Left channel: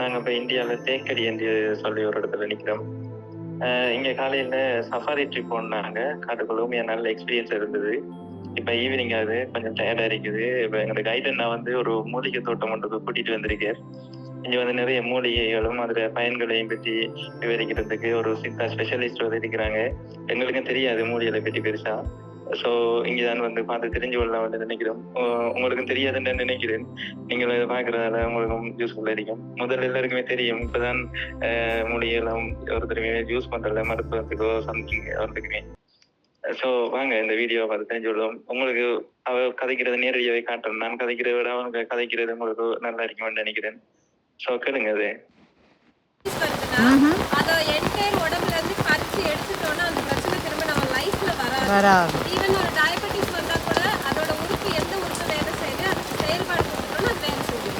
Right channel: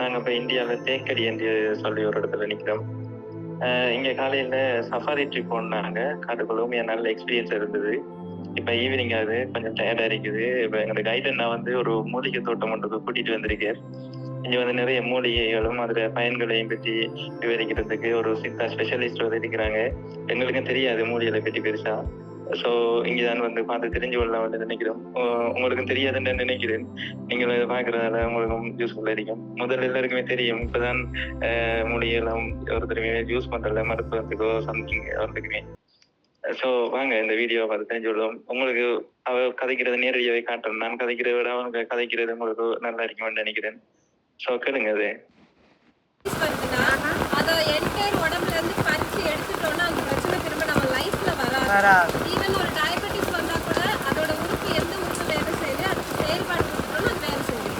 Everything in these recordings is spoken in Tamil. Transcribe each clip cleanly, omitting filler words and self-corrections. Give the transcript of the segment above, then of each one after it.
நாங்க இப்ப இந்தியாவில் தேக்கடி என்று சொல்லி ஒரு இடத்துல நிக்கிறோம். இங்க காலையில சஃபாரி ட்ரிப் போனாங்க. காட்டுக்குள்ள நல்ல எக்ஸ்பீரியன்ஸ் இருந்தது. இப்ப ஈவினிங் ஆகுது, கொஞ்சம் டயர்டா இருக்குது. இப்ப எங்களோட கைடன் நான் ஒரு மூலிகை தோட்டம் ஒன்றுக்கு கூட்டிட்டு வந்திருக்கேன். இங்க நிறைய மூலிகைகளும் அதுல பயன்களையும் பற்றி விவரிக்கிறதுக்கு ஒரு சித்தா ஸ்பெஷலிஸ்ட் இருக்கிறாங்க. எங்களுக்கும் தெரியாது மூலிகளை பற்றி பெருசா. ஸோ இங்கதான் பார்த்து தெரிஞ்சு கொள்ளலாம் நினைக்கிறோம். உங்களுக்கும் தெரியாதுன்னு நினைக்கிறேன். நீங்கள் இதை பார்க்கறதால உங்களுக்கும் யூஸ்ஃபுல்லா இருக்கும். முதல்ல எல்லாருக்குமே தெரியும், இப்பதான் மூலிகைலாம் ஒருத்தருமே யூஸ் பண்றல மருத்துவத்துக்கோ சம்திங் ஒருத்தருக்குமே. ஸோ வாங்க இந்த வீடியோவை பார்த்து தெரிஞ்சு கொள்ளும். உங்களுக்கு அவ கதைக்கிறது நேரடியாவே காட்டுறேன். நான் கதைக்கிறத விட அவங்க கதைக்கிறது உங்களுக்கு நல்லா இருக்கும்னு நினைக்கிறேன். ஸோ கேளுங்க. அது அதை என்டையர் உடம்புல இருந்து பறிச்சு எடுத்துட்டோம்னா அந்த பிரச்சனை திரும்ப நம்ம லைஃப்ல வராது. ஈவன் ஒரு டயபெட்டிஸ் வந்தா கூட அதோட உறுப்பு எந்த உறுப்பு வேலை செய்யுது அதுக்கு செயல்பாடு கொடுத்துட்டோம்னா அது வேலை செய்யுது.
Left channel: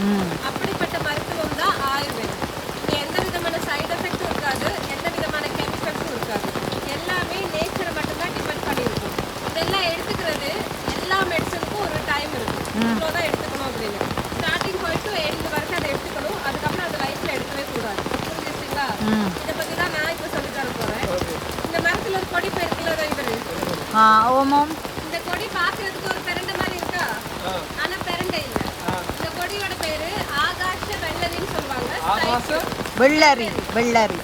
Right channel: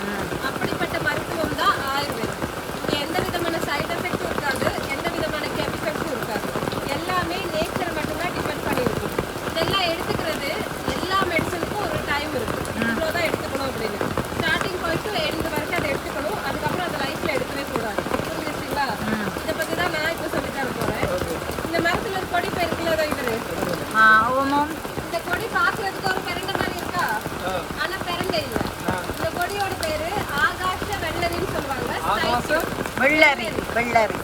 அப்படிப்பட்ட மருத்துவம் தான் ஆயுர்வேதம். இங்க எந்த விதமான சைடு எஃபெக்டும் இருக்காது, எந்த விதமான கெமிக்கல்ஸும் இருக்காது. எல்லாமே நேச்சரை மட்டும்தான் டிபெண்ட் பண்ணியிருக்கும். இதெல்லாம் எடுத்துக்கிறது எல்லா மெடிசனுக்கும் ஒரு டைம் இருக்கு. இவ்வளோதான் எடுத்துக்கணும் அப்படின்னு. ஸ்டார்டிங் போயிட்டு எண்டு வரைக்கும் அதை எடுத்துக்கணும். அதுக்கப்புறம் அதை லைஃப்ல எடுக்கவே கூடாது. புரிஞ்சுச்சுங்களா? இதை பத்தி தான் நான் இப்ப சொல்லி தர போறேன். இந்த மரத்துல ஒரு கொடி பேர் இருக்குல்ல இவரு. இந்த கொடி பாக்குறதுக்கு ஒரு பெரண்டை மாதிரி இருக்கா, ஆனா பெரண்டை இல்ல. இந்த கொடியோட பேரு ஆகாஷ வெள்ளரின்னு சொல்லுவாங்க.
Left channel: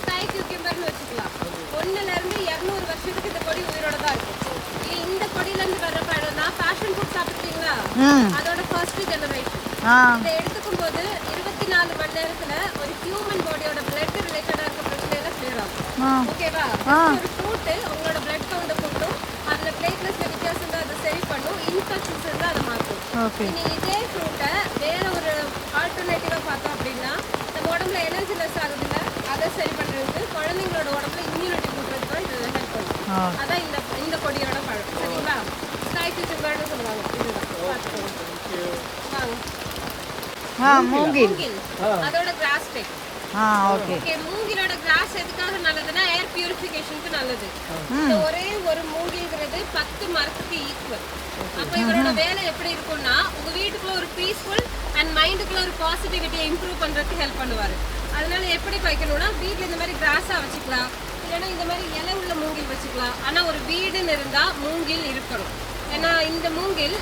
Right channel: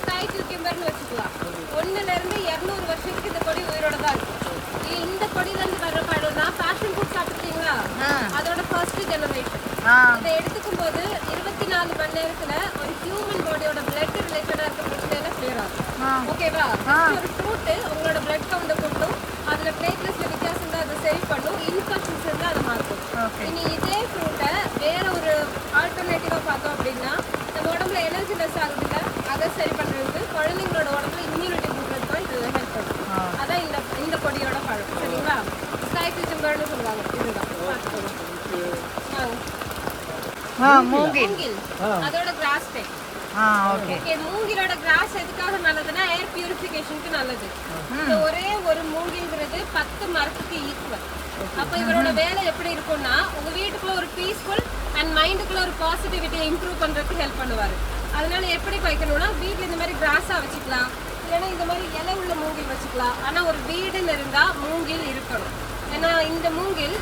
ஸ்கை கியூக்கம்பர்னு வச்சுக்கலாம். 1ல இருந்து 200 வருஷத்துக்கு இந்த கொடி உயிரோட தான் இருக்கும். இந்த கொடியில இருந்து வர்ற பழம் தான் பேஷன் ஃப்ரூட் சாப்பிட்டீங்களா, அதோட ஃபர்ஸ்ட் ஜெனரேஷன். இதை எடுத்துக்கும் போது 24 மணி நேரத்துல ஒரு ஹியூமன் பாடியோட பிளட் ரிலேட்டடா இருக்க பிரச்சனை எல்லாம் கிளியர் ஆகும். ஓகேவா? ஒரு ஃப்ரூட் உங்களோட பிளட் கவுண்ட கூட்டும், அதுல பிளேட்லெட்ஸ்ல வித்தியாசம் தான் அதை சரி பண்ணும், இன்ஃபெக்ஷன்ஸ் இருந்தா அதை மாற்றும். இனி இதே ஃப்ரூட்டை வேற ஒரு ஆல்டர்னேட்டிவா பார்த்தோம் அப்படின்னா நம்ம உடம்புல எனர்ஜி லெஸ் ஆகுது இல்ல, அதை சரி பண்றதுக்கு குழந்தைங்களோட உடம்புல இம்யூனிட்டி கொடுக்கறது தான் இது ஹெல்ப் பண்ணும். அதான் இந்த கொடியோட பழம். சரிங்களா? ஸ்கை கியூக்கம்பர்னு சொல்லுவாங்க. இதுதான் பார்த்துக்கோங்க. மூங்கில் அதோட கிராஸ் டைப். ஓகே, மூங்கிலோட கிராஸ் எதுக்காக நல்லதுன்னா ஏர் பியூரிஃபிகேஷனுக்கு நல்லது. ஒரே ஒரு மூங்கில்ங்கிறது 10 மரத்துக்கு ஈக்குவல். அப்ப இவரோட வேலை எப்படி இருக்கும்னா உங்க வீட்டுக்குள்ள ஒரு பீஸ்ஃபுல் அண்ட் மைண்டுக்குள்ள ஒரு பாசிட்டிவிட்டியை இம்ப்ரூவ் பண்றதுக்கு ஹெல்ப் பண்ணுவாரு. அதனால எப்படி வைக்கணும்னா வீட்டுல இந்த மாதிரி கிராஸா வச்சுக்கலாம், இல்லைன்னா இந்த மாதிரி இலை உள்ள மூங்கில் வச்சுக்கலாம். ஆனா ஒரு வீடுன்னு இருந்தா மூங்கில் இருக்கணும். ஏன்னா இந்த மூங்கில்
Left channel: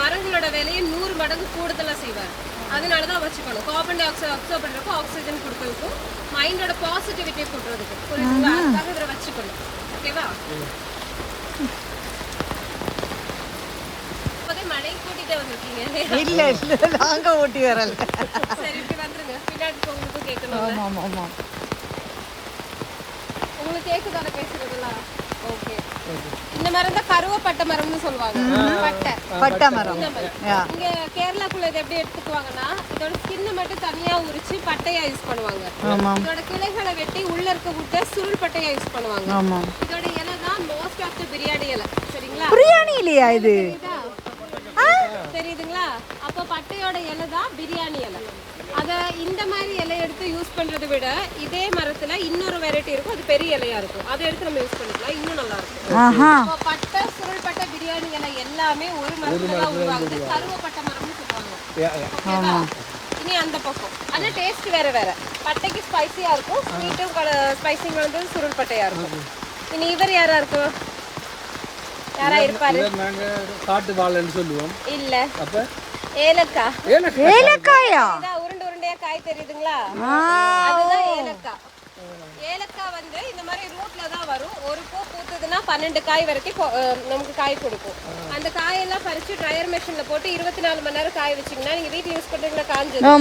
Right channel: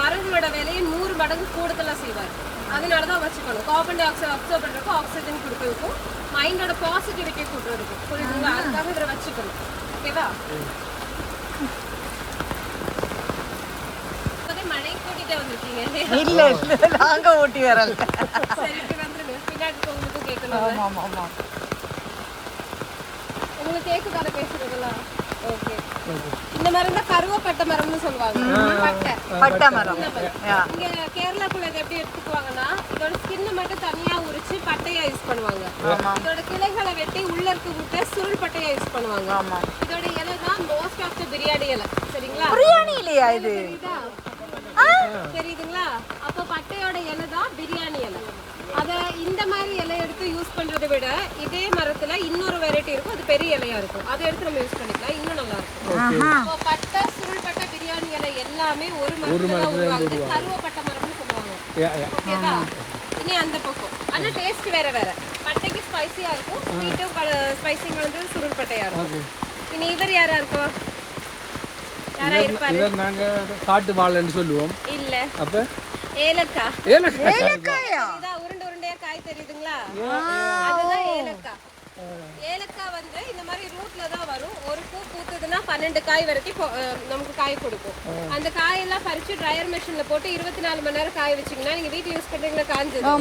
மரங்களோட வேலையை 100 மடங்கு கூடுதலா செய்வார். அதனாலதான் வச்சுக்கணும். கார்பன் டை ஆக்சைடு அப்சர்வ் பண்றதுக்கும் ஆக்சிஜன் கொடுக்கறதுக்கும் மைண்டோட பாசிட்டிவிட்டியை கூட்டுறதுக்கும். புரியுதுங்களா? அதுக்காக இதை வச்சுக்கணும். ஓகேவா? மழை கூட்டிட்டே வந்திருக்கீங்க. சரி, இப்படி வந்துருங்க. பின்னாடி உங்களுக்கும் கேட்கணும். உங்களுக்கு கேக்குதான பேசுறதெல்லாம்? ஓகே. இந்த மரம் தான் கருவப்பட்ட மரம்னு சொல்லுவாங்க. பட்டை மரம். இங்க கேரளாக்குள்ள இதை எப்படி எடுத்துக்குவாங்கன்னா இதோட ஸ்கின்னை மட்டும் தனியா உரிச்சு பட்டையா யூஸ் பண்ணுவாங்க. இதோட கிளைகளை வெட்டி உள்ள இருக்க விட்டு சுருள் பட்டையா யூஸ் பண்ணுவாங்க. இதோட இலை தான் மோஸ்ட் ஆஃப் தி பிரியாணி இலை. சரிங்களா? பிரியாணி இல்லையா இது? தெரியுதுங்களா? அப்போ பட்டையோட இலை தான் பிரியாணி இலை. அத இந்த மாதிரி இலை எடுத்து யூஸ் பண்றதை விட இதே மரத்துல இன்னொரு வெரைட்டி இருக்கும், அது பெரிய இலையா இருக்கும். அதை எடுத்து நம்ம யூஸ் பண்ணிக்கலாம், இன்னும் நல்லா இருக்கும். பட்டை சுருள் பட்டை பிரியாணி இலை எல்லாமே ஒரு மரத்துல தான் உருவாகுது. கருவப்பட்ட மரம்னு சொல்லுவாங்க. இனி அந்த பக்கம் ஆனா டேஸ்ட் வேற வேற. பட்டைக்கு ஸ்பைசியா இருக்கும், ஸ்வீட்டும் ஸ்பைசிங் வந்து சுருள் பட்டையா இருக்கும். இனி இவர் யாரா இருக்கும்? யாரா இருப்பாரு? நாங்க காட்டு வாழைன்னு சொல்லுவோம். இல்ல, அப்ப ஏலக்காய். ஏலக்காயா? உருண்டை உருண்டையா காய் தெரியுதுங்களா? அதுதான் ஏலக்காய். ஏலக்காய் வந்து இந்த மாதிரி ரூட்ல தான் வரும். ஒரு பூ பூத்துதுன்னா 12 காய் வரைக்கும் நமக்கு காய் கொடுக்கும். அந்த காயெல்லாம் பறிச்சு ட்ரையர் மெஷின்ல போட்டு 24 மணி நேரம் காய வச்சீங்கன்னா நீங்க வீட்டுல யூஸ் பண்றீங்க காஞ்சது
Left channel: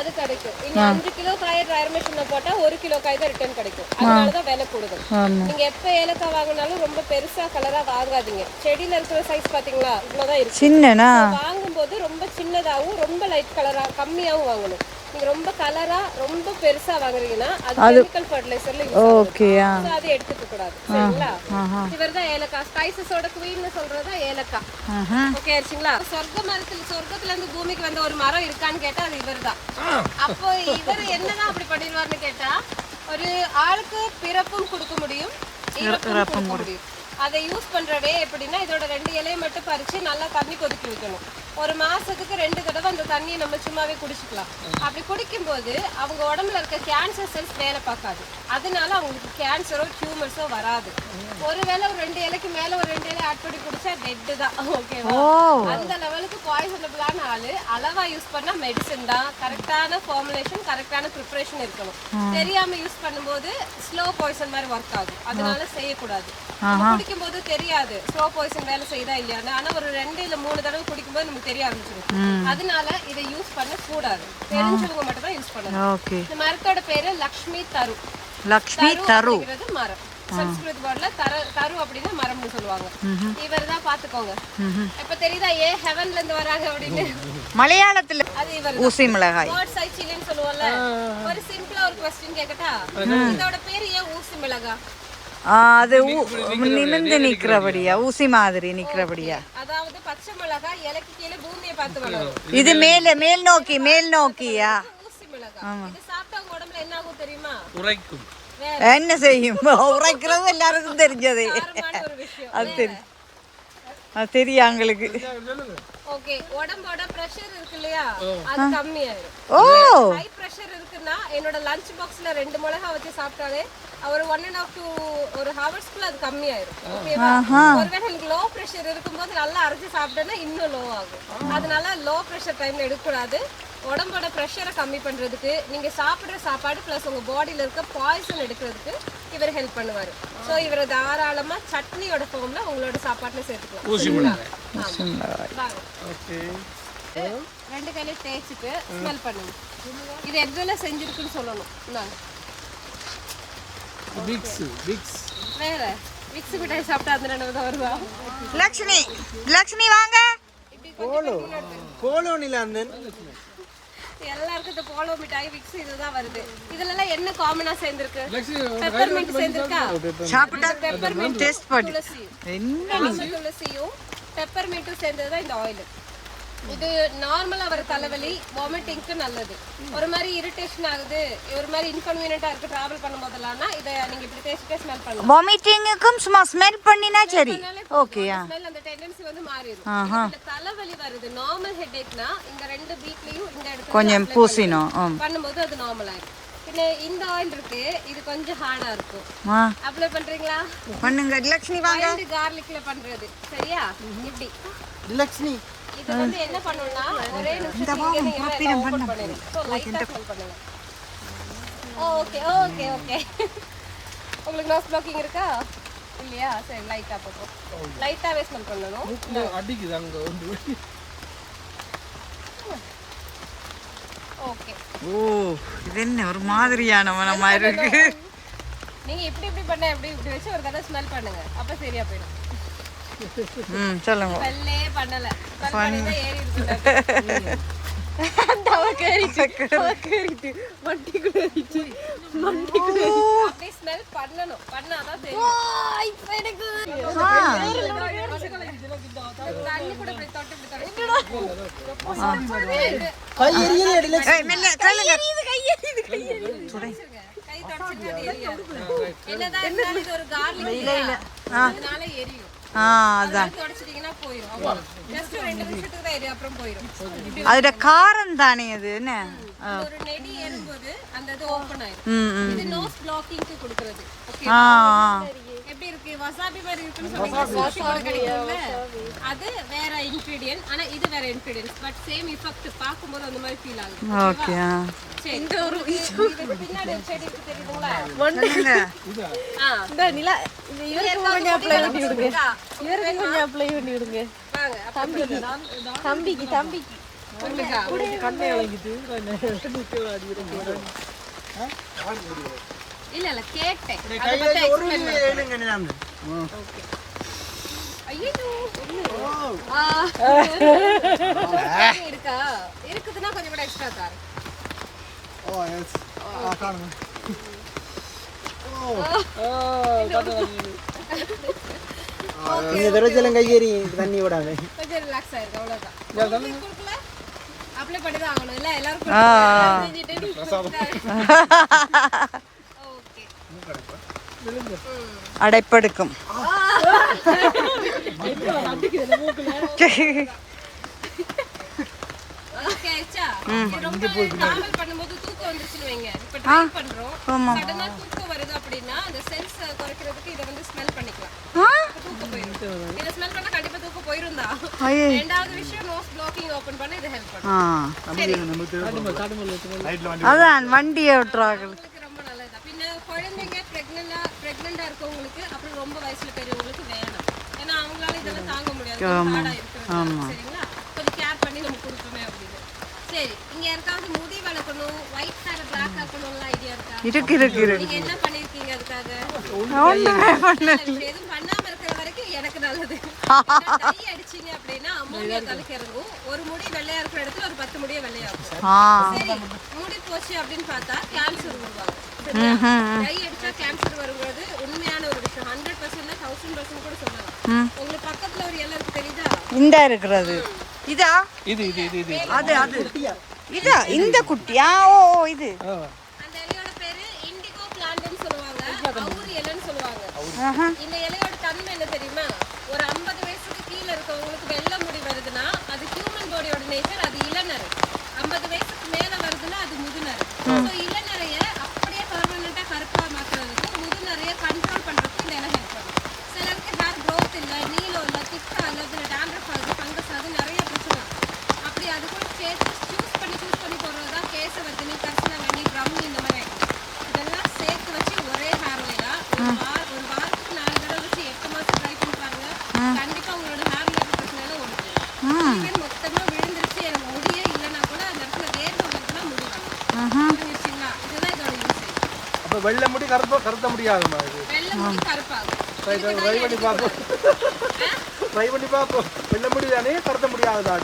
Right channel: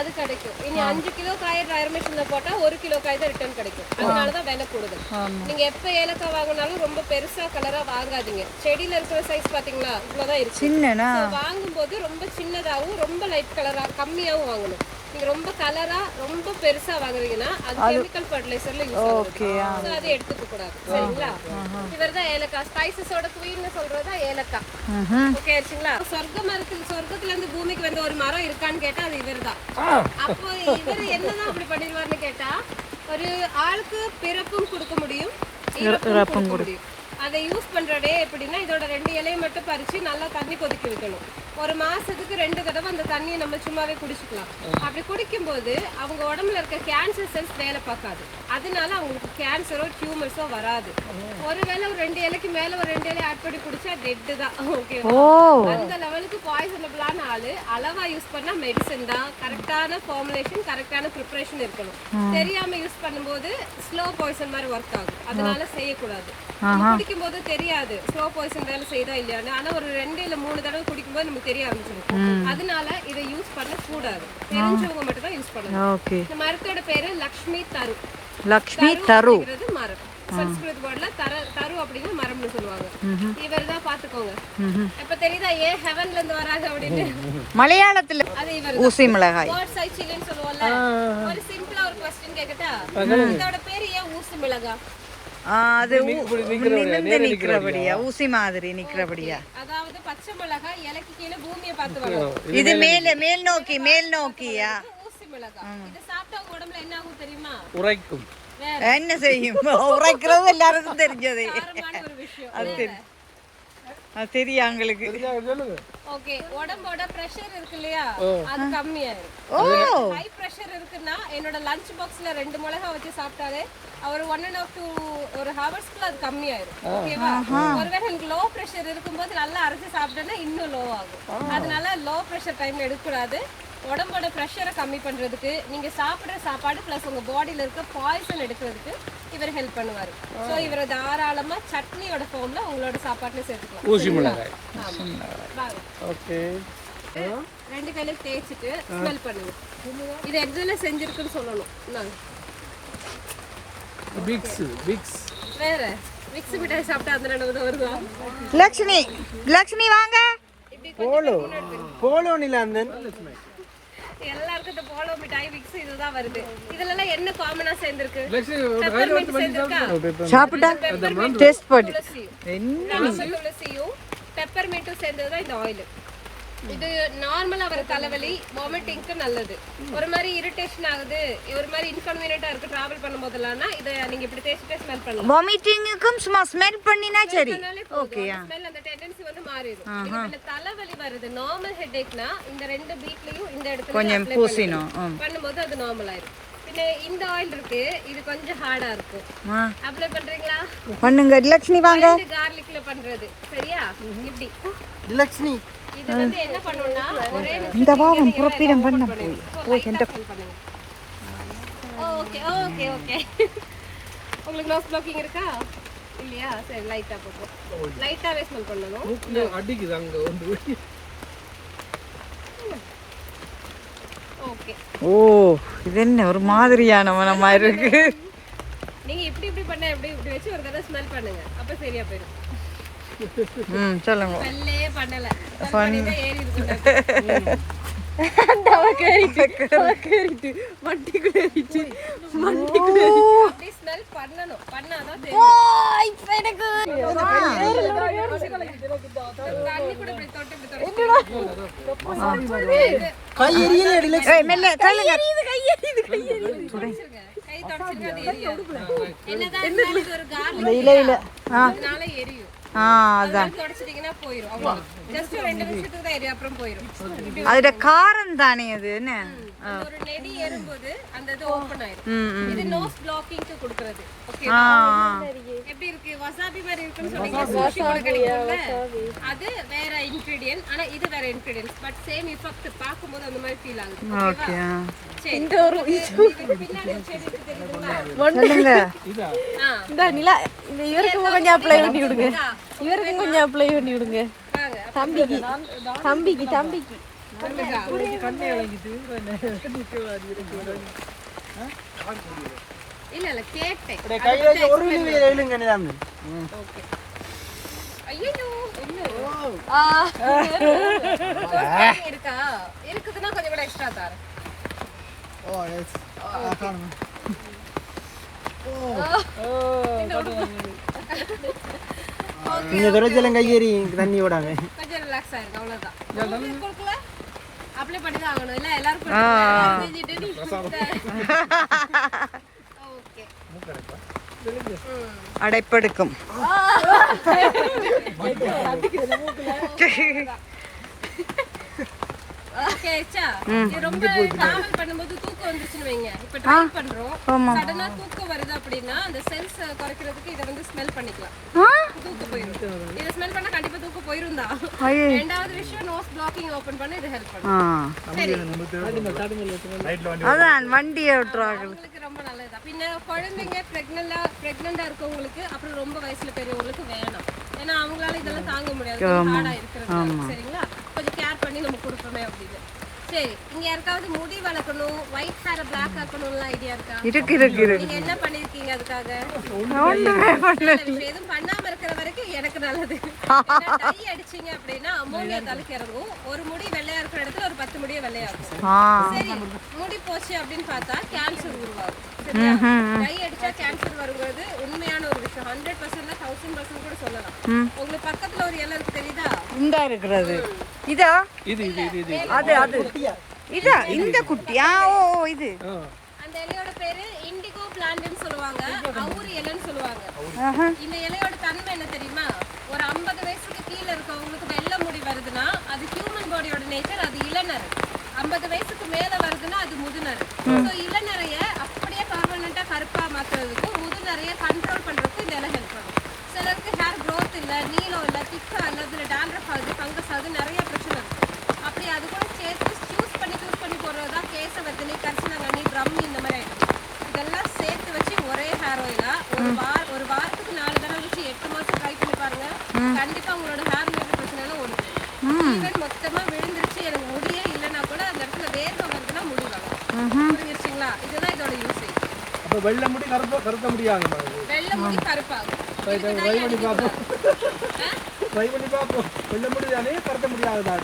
அது கிடைக்கும். இனி 5 கிலோ காய ட்ரையர் மெஷின்ல போட்டா 1 கிலோ காய் தான் ரிட்டர்ன் கிடைக்கும். அதனாலதான் விலை கூடுதல். நீங்க எப்ப ஏலக்காய் வாங்கினாலும் ரொம்ப பெருசா கலரா வாங்காதீங்க. செடியில இருக்கிற சைஸ் பாத்தீங்களா இவ்வளவுதான் இருக்கு. வாங்கும் போது ரொம்ப சின்னதாவும் ரொம்ப லைட் கலரா கம்மியாவும் வாங்கணும். நீங்க ரொம்ப கலரா ரொம்ப பெருசா வாங்குறீங்கன்னா அது கெமிக்கல் ஃபெர்டிலைசர்ல யூஸ் ஆகுது. அது எடுத்துக்க கூடாது. சரிங்களா? இவர்தான் ஏலக்காய். ஸ்பைசஸோட குவீன்னு சொல்றதா ஏலக்காய். ஓகே ஆச்சுங்களா? சொர்க்கத்துல இருந்து பூமிக்கு வந்து ஒரு மரம் இருக்கான்னு கேட்டா அது இவர்தான். அப்போ இவர் என்னதான் அப்படி பண்ணிடுவார்னு கேட்டா ஒரு ஆளுக்கு பிறப்பும் கொடுக்க முடியும், இறப்பும் கொடுக்க முடியும். அதை யூஸ் பண்றவே எப்படின்னா இதோட 2 இலையை மட்டும் பறிச்சு நல்லா தண்ணி கொதிக்க வைக்கணும். ஒரு மாசத்துக்கு 2 தடவை அந்த தண்ணியை நம்ம சும்மாவே குடிச்சுக்கலாம். அப்படி குடிக்கும்போது அவங்க உடம்புல இருக்க கேன்சர் செல்ஸ் வேலை பார்க்காது. அதனால அவங்களுக்கு கேன்சரோ டியூமர்ஸோ வராது. ஒருவேளை ஒரு 2 இலைக்கு மேல ஒரு 2 இலை ஆட் பண்ணி குடிச்சா டெட் தான். ஓகேவா? அந்த லெவலுக்கு பாய்சனபிளான ஆளு. அளவா யூஸ் பண்ணா மெடிசன் தான். கரெக்டான ஃபார்முலேஷன், கரெக்டான ப்ரிப்பரேஷன் இருக்கணும். தெரியாம யூஸ் பண்ணும்போது ஸ்லோ பாய்சன் மாதிரி ஒர்க் ஆகும். அதனால செய்யக்கூடாது. குடிக்கும் போது தெரியாது ஸ்லோ பாய்சன் வேலை செய்யறா இல்லையான்னு. ஆனா ஒரு 2 இல்ல 3 தடவை குடிக்கும்போது நமக்கு தெரிய ஆரம்பிச்சிடும். அதனால இதை யூஸ் பண்ண கூடாது. தெரிஞ்சவங்க மட்டும் தான் யூஸ் பண்ணணும். இந்த மரத்தோட பேரு லக்ஷ்மி தரு. லக்ஷ்மி தரு மரம். சன்ஸ்கிருத் வேர்ட்ல தரு அப்படின்னா மரம்னு சொல்லுவாங்க. இவர்தான் பாத்துக்கோங்க. இப்ப தெரியுதா ஏன் ஹெவன்ல இருந்து வராங்க அப்படின்னு? மலையாளத்துல அது இவர் ஊசி மிளகாய் வேர்ட் சை சில்லின்னு சொல்லுவோம்ல. ஒரு சிம்பிளா ஒரு क्वेश्चन கேக்கட்டா? இதோட பேரு ஏன் ஊசி மிளகாய்? அது நிமிர்ந்து நிக்கிறபடியா, ஊசி மாதிரி நிக்கிறபடியா? அதாவது பச்சை மிளகாய் இலைக்கு கீழே பூமியை பார்த்து வளரும். இது மேல் நோக்கியா? ஊசி மிளகாய். இது சாப்பிட்டா உடம்புல என்ன ஆகும் தெரியுமா? உரைக்கும். என்ன செய்யும்? உரைக்கிறது எல்லாருக்கும் தெரிஞ்சது. ஒரு விஷயம் அது தெரியும் எங்களுக்கு. ஓகே, உடம்போட பிரஷர் இருக்கு இல்லையா, அது கம்மியாயிரும். ஹை பிரஷர் இருக்குன்னா என்னோட லஞ்ச் பாக்ஸ்ல 2 மிளகாய் வச்சு சாப்பிட்டாலே ஒரு 1.5 to 1 ஹவர்ஸ்க்குள்ள அது கம்மியாயிரும். ஓகேவா? ஒருவேளை எனக்கு லோ பிரஷர் இருக்கும்போது நல்லா அரைச்சு சாப்பிட்டேன்னா இன்னும் லோ ஆகும். அதனால லோ பிரஷர் டைம்ல எடுக்கக்கூடாது. உடம்போட ப்ரெஷரை கம்மி பண்றதுக்கு, நீங்க சாப்பிடுற சாப்பாடு பிளஸ் உங்க பாடியில இருக்க பாய்சன் எடுக்கிறதுக்கு இவர் ஹெல்ப் பண்ணுவாரு. சோ இவரை தாராளமா சட்னியோட ஃபார்ம்ல உங்களோட சாப்பாட்டுல சேர்த்துக்கலாம். ஓகே, 2 கையில தேய்ச்சிட்டு ஸ்மெல் பண்ணுங்க. இது எக்ஸால செஞ்சிருக்குன்னு சொல்லணும். விக்ஸ் வேற விக்ஸ் மிட்டாய் சாப்பிட்டா அந்த நடவு வருவா. லக்ஷ்மி வாங்க. போலோ நிலாந்தன் எல்லாருக்கும் இந்த போலோ மிட்டாய் விக்ஸ் இதுதான் வருது. இதுல எல்லாம் என்ன காமனா சேர்ந்திருக்கு? சாப்பிட்டா டேஸ்ட் பண்ணு. என்ன துளசியும் பெப்பர்மின்ட்டும் சேர்ந்ததுதான் இந்த ஆயில். இது நார்மலா வர தலைவலி, வாமிட்டிங்க்கு நல்லது. ஒரு மாதிரி இரிட்டேஷன் ஆகுது, ஒரு மாதிரி இன்கன்வீனியன்ட்டா இருக்கு டிராவல் பண்ணும்போதெல்லாம் இத நீங்க இப்படி தேய்ச்சிட்டு ஸ்மெல் பண்ணலாம். வாமிட்டிங்க்கும் சும்மா ஸ்மெல் பண்ணினா சரி. ஓகேயா? ஸ்மெல் அந்த டெண்டன்சி வந்து மாறிடும். இந்த தலைவலி வருது நார்மல் ஹெட்டேக்னா இந்த 2 பீக்லயும் இந்த இடத்துல கொஞ்சம் பூசினோம் பண்ணும்போது அது நார்மல் ஆயிடும். பின்ன இந்த ஆயில் இருக்கு, இது கொஞ்சம் ஹார்டா இருக்கும். அப்ளை பண்றீங்களா? பண்ணுங்க. லக்ஷ்மி வாங்க. கார்லிக்ல பண்றது சரியா? இப்படி லக்ஷ்மி இது வந்து என்ன பண்ணுனா ஒரே நிமிஷம் இந்த பாவம் புறப்பீடம் பண்ண போய் என்கிட்ட பண்ணுங்க. Okay okay okay. உங்களுக்கு நோஸ் ப்ளாக்கிங் இருக்கா இல்லையா? சரி, லைட்டா போடுறோம். லைட்டாவே ஸ்மெல் பண்ணனும். அடிக்குது அங்க வந்து. ஓகே. ஓ, இது என்ன ஒரு மாதிரியான மனமா இருக்கு. நீங்க இப்படி பண்ணா இப்படி வச்சு ஒரு தடவை ஸ்மெல் பண்ணுங்க. அப்ப சரியா போயிடும். சொல்லுங்க. ஸ்மெல்லே பண்ணல. ஏறி இருக்கு. அந்த கேரிட்டு மண்டிக்குள்ள ஏறிச்சு. அப்படி ஸ்மெல் பண்ணனும். பண்ணாதான் தெரியும். ஓய் எனக்கு தண்ணி கூட இப்படி தொட்டு ஏய் மெல்ல தள்ளுங்க. கை தொடச்சிங்க. அது எரியாது. என்னதான் இருந்தாலும் இது ஒரு கார்லிக் இல்ல அதனால எரியும். அதான் தொடச்சிட்டீங்கன்னா போயிடும். அவ்வளவு ஜஸ்ட் 2 நிமிஷத்துக்கு தான் எரியும், அப்புறம் போயிடும். அதோட காரம் தானே அது. என்ன ஒரு நெடி ஏறும்போது அந்த இது ஓபன் ஆயிடும். இது நோஸ் ப்ளாக்கிங்க்கு கொடுக்கிறது. ஓகே, எப்படி இருக்கு? வசாபி மாதிரி இருக்குன்னு சொன்னீங்க. சோஷோட கிடைக்கும்ல, அது வேற இன்கிரிடியன்ட். ஆனா இது வேற இன்கிரிடியன்ட், பட் சேம் எஃபெக்ட் பாக்கும்போது அந்த மாதிரி ஃபீல் ஆகுது. ஓகே. சரி, இந்த ஒரு இதுக்கு பின்னாடி செடி இருக்கு சொல்லுங்க. இந்த நிலா இந்த இவருக்கு கொஞ்சம் அப்ளை பண்ணி விடுங்க. இவருக்கு கொஞ்சம் அப்ளை பண்ணி விடுங்க. வாங்க தம்பிக்கு இல்ல கேட்டேன். ஓகே. ஐயோ இருக்கா? இருக்குதுன்னா கொஞ்சம் கூட எக்ஸ்ட்ரா தரேன். ஓ எஸ் காணுங்க. இது ரோஜெல்லாம் கையேறி தண்ணி விடாங்க. கொஞ்சம் ரிலாக்ஸ் ஆயிருக்கு, அவ்வளவுதான். கொடுக்கல அப்ளை பண்ணி தான் ஆகணும் இல்ல எல்லாரும். ஓகே, அடைப்படுக்கும். ஓகே ஆயிச்சா இது ரொம்ப டிராவல் பண்ணும்போது தூக்கம் வந்துச்சுன்னு வைங்க இப்ப ட்ரை பண்றோம் சடனா தூக்கம் வருது அப்படினா அந்த செல்ஸ் குறைக்கிறதுக்கு இத வந்து ஸ்மெல் பண்ணிக்கலாம் தூக்கம் போயிடும் இத ஸ்மெல் பண்ணா கண்டிப்பா தூக்கம் போயிரும் தான் இரண்டாவது விஷயம் நோஸ் பிளாக்கிங் ஓபன் பண்ண இது ஹெல்ப் பண்ணும் சரி அதான் வண்டியை விட்டுறாங்க ரொம்ப நல்லதா பின்ன குழந்தைங்க பிரெக்னண்டா இருக்கவங்களுக்கு அப்புறம் ரொம்ப வயசுல பெரியவங்களுக்கு வேணாம் ஏன்னா அவங்களால இதெல்லாம் தாங்க முடியாது ஹார்டா இருக்கிறது சரிங்களா கொஞ்சம் கேர் பண்ணி நம்ம கொடுப்போமே அப்படின்னு சரி இங்க யாருக்காவது முடி வளர்க்கணும் ஒயிட் ஹேர் பிளாக் ஆக்கணும்னு ஐடியா இருக்கா இருக்கு நீங்க என்ன பண்ணிருக்கீங்க அதுக்காக எதுவும் பண்ணாம இருக்கிற வரைக்கும் எனக்கு நல்லது டை அடிச்சீங்க அப்படின்னா அமோனியா தலைக்கு இறங்கும் ஒரு முடி வெள்ளையா இருக்கிற இடத்துல ஒரு 10 முடிய வெள்ளையாகும் சரி முடி போச்சு அப்படின்னு பார்த்தா கேன்சர் உருவாகும் டை அடிச்சா கேன்சர் வருங்கிறது உண்மையான ஒரு விஷயம் 100% 1000% கூட சொல்லலாம் உங்களுக்கு பக்கத்துல ஒரு இலை இருக்கு தெரியுதா இந்த இருக்கிறது இதா இது அது இதா இந்த குட்டியா ஓ இது அந்த இலையோட பேரு இண்டிகோ பிளான்ட்னு சொல்லுவாங்க அவுரி இலைன்னு சொல்லுவாங்க இந்த இலையோட தன்மை என்ன தெரியுமா ஒரு 50 வயசுக்கு கீழ இருக்கவங்களுக்கு வெள்ளை முடி வருதுன்னா அது ஹியூமன் பாடியோட நேச்சர் அது இளநரை 50 வயசுக்கு மேல வருதுன்னா அது முதுநரை சோ இளநரைய அப்படியே பெர்மனன்ட்டா கருப்பா மாத்துறதுக்கும் முதுநரைய கண்ட்ரோல் பண்றதுக்கும் இந்த இலை ஹெல்ப் பண்ணும் சிலருக்கு ஹேர் growth இல்ல நீளம் இல்ல திக்கா இல்ல அதுல டேண்ட்ரஃப் ஆகுது ஃபங்கஸ் ஆகுது நிறைய பிரச்சனை இருக்கு அப்படி அது கூட சேர்த்து சூஸ் பண்ணி போடுறதுதான் கேசவர்த்தினி கரிசனாங்கண்ணி பிரம் இந்த மாதிரி ஐட்டம் இதெல்லாம் சேர்த்து வச்சு ஒரே ஹேர் ஆயிலா ஒரு வாரத்துக்கு 4 தடவை வச்சு 8 மாசம் ட்ரை பண்ணி பாருங்க கண்டிப்பா உங்களோட ஹேர் ரிலேட்டட் பிரச்சனை எல்லாம் ஓடுது மொத்தமா விழுந்துருச்சு எனக்கு முடியே இல்லைன்னா கூட அந்த இடத்துல வேர்வை வருதுன்னா முடி வரும் புரிஞ்சிருச்சுங்களா இதுதான் இதோட யூசேஜ் அப்ப வெள்ளை முடி கருத்த முடியாது வெள்ளை முடி கருப்பாகும் ட்ரை பண்ணி பாப்போம் வெள்ளை முடி தானே கருத்த முடியாதா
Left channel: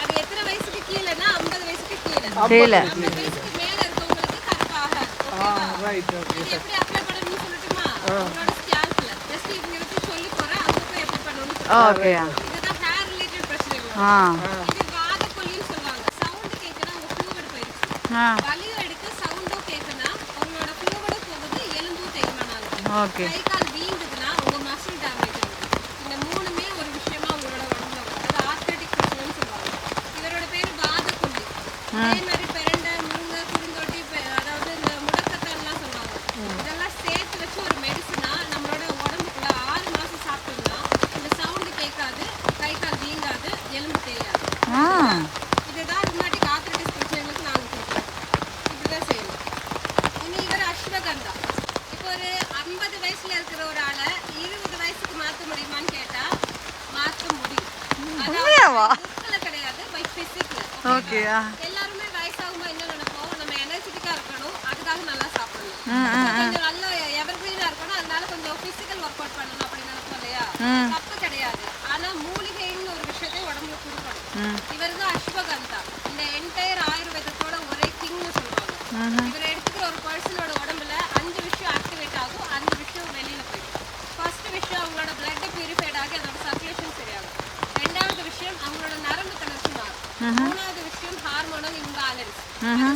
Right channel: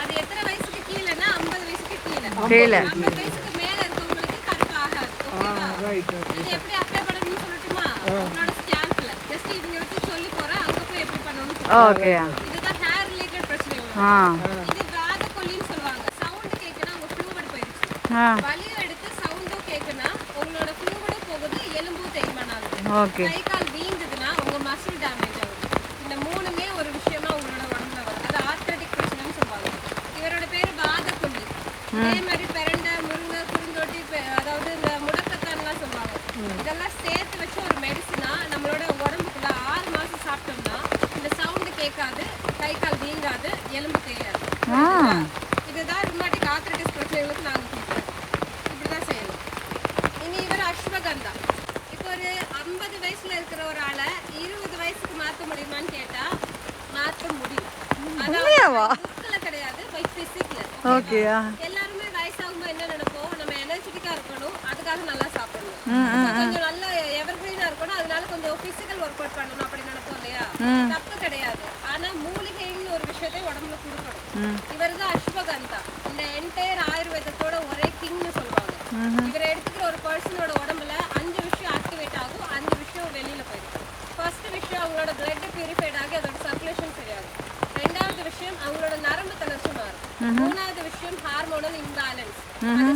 அது எத்தனை வயசுக்கு கீழனா 50 வயசுக்கு கீழ 50 வயசுக்கு மேல இருக்கவங்களுக்கு கருப்பு ஆகாது ஓகேவா இது எப்படி அப்ளை பண்ணணும்னு சொல்லட்டுமா உங்களோட ஸ்கேல்ப்ல ஜஸ்ட் இவங்க வந்து சொல்லி போறேன் அங்க போய் எப்படி பண்ணணும்னு ஓகே இதுதான் ஹேர் ரிலேட்டட் பிரச்சனைகள் இது வாதக்கொல்லின்னு சொல்லுவாங்க சவுண்ட் கேக்குனா உங்க ஃப்ளூயிட் போயிடுச்சு வலி எடுத்து சவுண்டும் கேக்குனா உங்களோட ஃப்ளூயிடும் போகுது எலும்பும் தேய்மானம் ஆகுது ஓகே கை கால் வீங்குதுன்னா உங்க மசில் டேமேஜ் ஆகுது இந்த மூணுமே ஒரு விஷயமா உங்களோட உடம்புல வரும் அது ஆர்த்ரைட்டிக் பிரச்சனைன்னு சொல்லுவாங்க இவரோட பேரு வாதக்கொல்லி அதே மாதிரி பெரண்டை முருங்கை குறுந்தொட்டி அதாவது இந்த முடக்கத்தான்லாம் சொல்லுவாங்க இதெல்லாம் சேர்த்து வச்சு ஒரு மெடிசனா நம்மளோட உடம்புக்குள்ள 6 மாசம் சாப்பிட்டோம்னா இந்த சவுண்டு கேட்காது கை கால் வீங்காது எலும்பு தேயாது இதுதான் ருமாட்டிக் ஆர்த்ரைட்டிஸ் பிரச்சனைகளுக்கு நாங்கள் கொடுப்போம் இப்படிதான் செய்யணும் இனி இவர் அஸ்வகந்தா இப்போ ஒரு 50 வயசுல இருக்கிற ஒரு ஆளை 20 வயசுக்கு மாத்த முடியுமான்னு கேட்டா மாத்த முடியும் புக்ல கிடையாது பை பிசிக்ல ஓகே எல்லாருமே வயசாகும்போது என்ன நினைப்போம் நம்ம எனர்ஜெட்டிக்கா இருக்கணும் அதுக்காக நல்லா சாப்பிடணும் கொஞ்சம் நல்ல எவர்கிரீனா இருக்கணும் அதனால கொஞ்சம் பிசிக்கல் ஒர்க் அவுட் பண்ணணும் அப்படி நினைப்போம் இல்லையா தப்பு கிடையாது ஆனா மூலிகைன்னு ஒரு விஷயத்தை உடம்புல கொடுக்கணும் இவர்தான் அஸ்வகந்தா இந்த என்டையர் ஆயுர்வேதத்தோட ஒரே கிங்னு சொல்லுவாங்க இவரை எடுத்துக்கிற ஒரு பர்சனோட உடம்புல 5 விஷயம் ஆக்டிவேட் ஆகும் 5 விஷயம் வெளியில போயிடும் ஃபர்ஸ்ட் விஷயம் அவங்களோட பிளட் பியூரிஃபைட் ஆகி அதோட சர்க்குலேஷன் சரியாகும் ரெண்டாவது விஷயம் அவங்களோட நரம்பு தளர்ச்சி மாறும் மூணாவது விஷயம் hormonal imbalance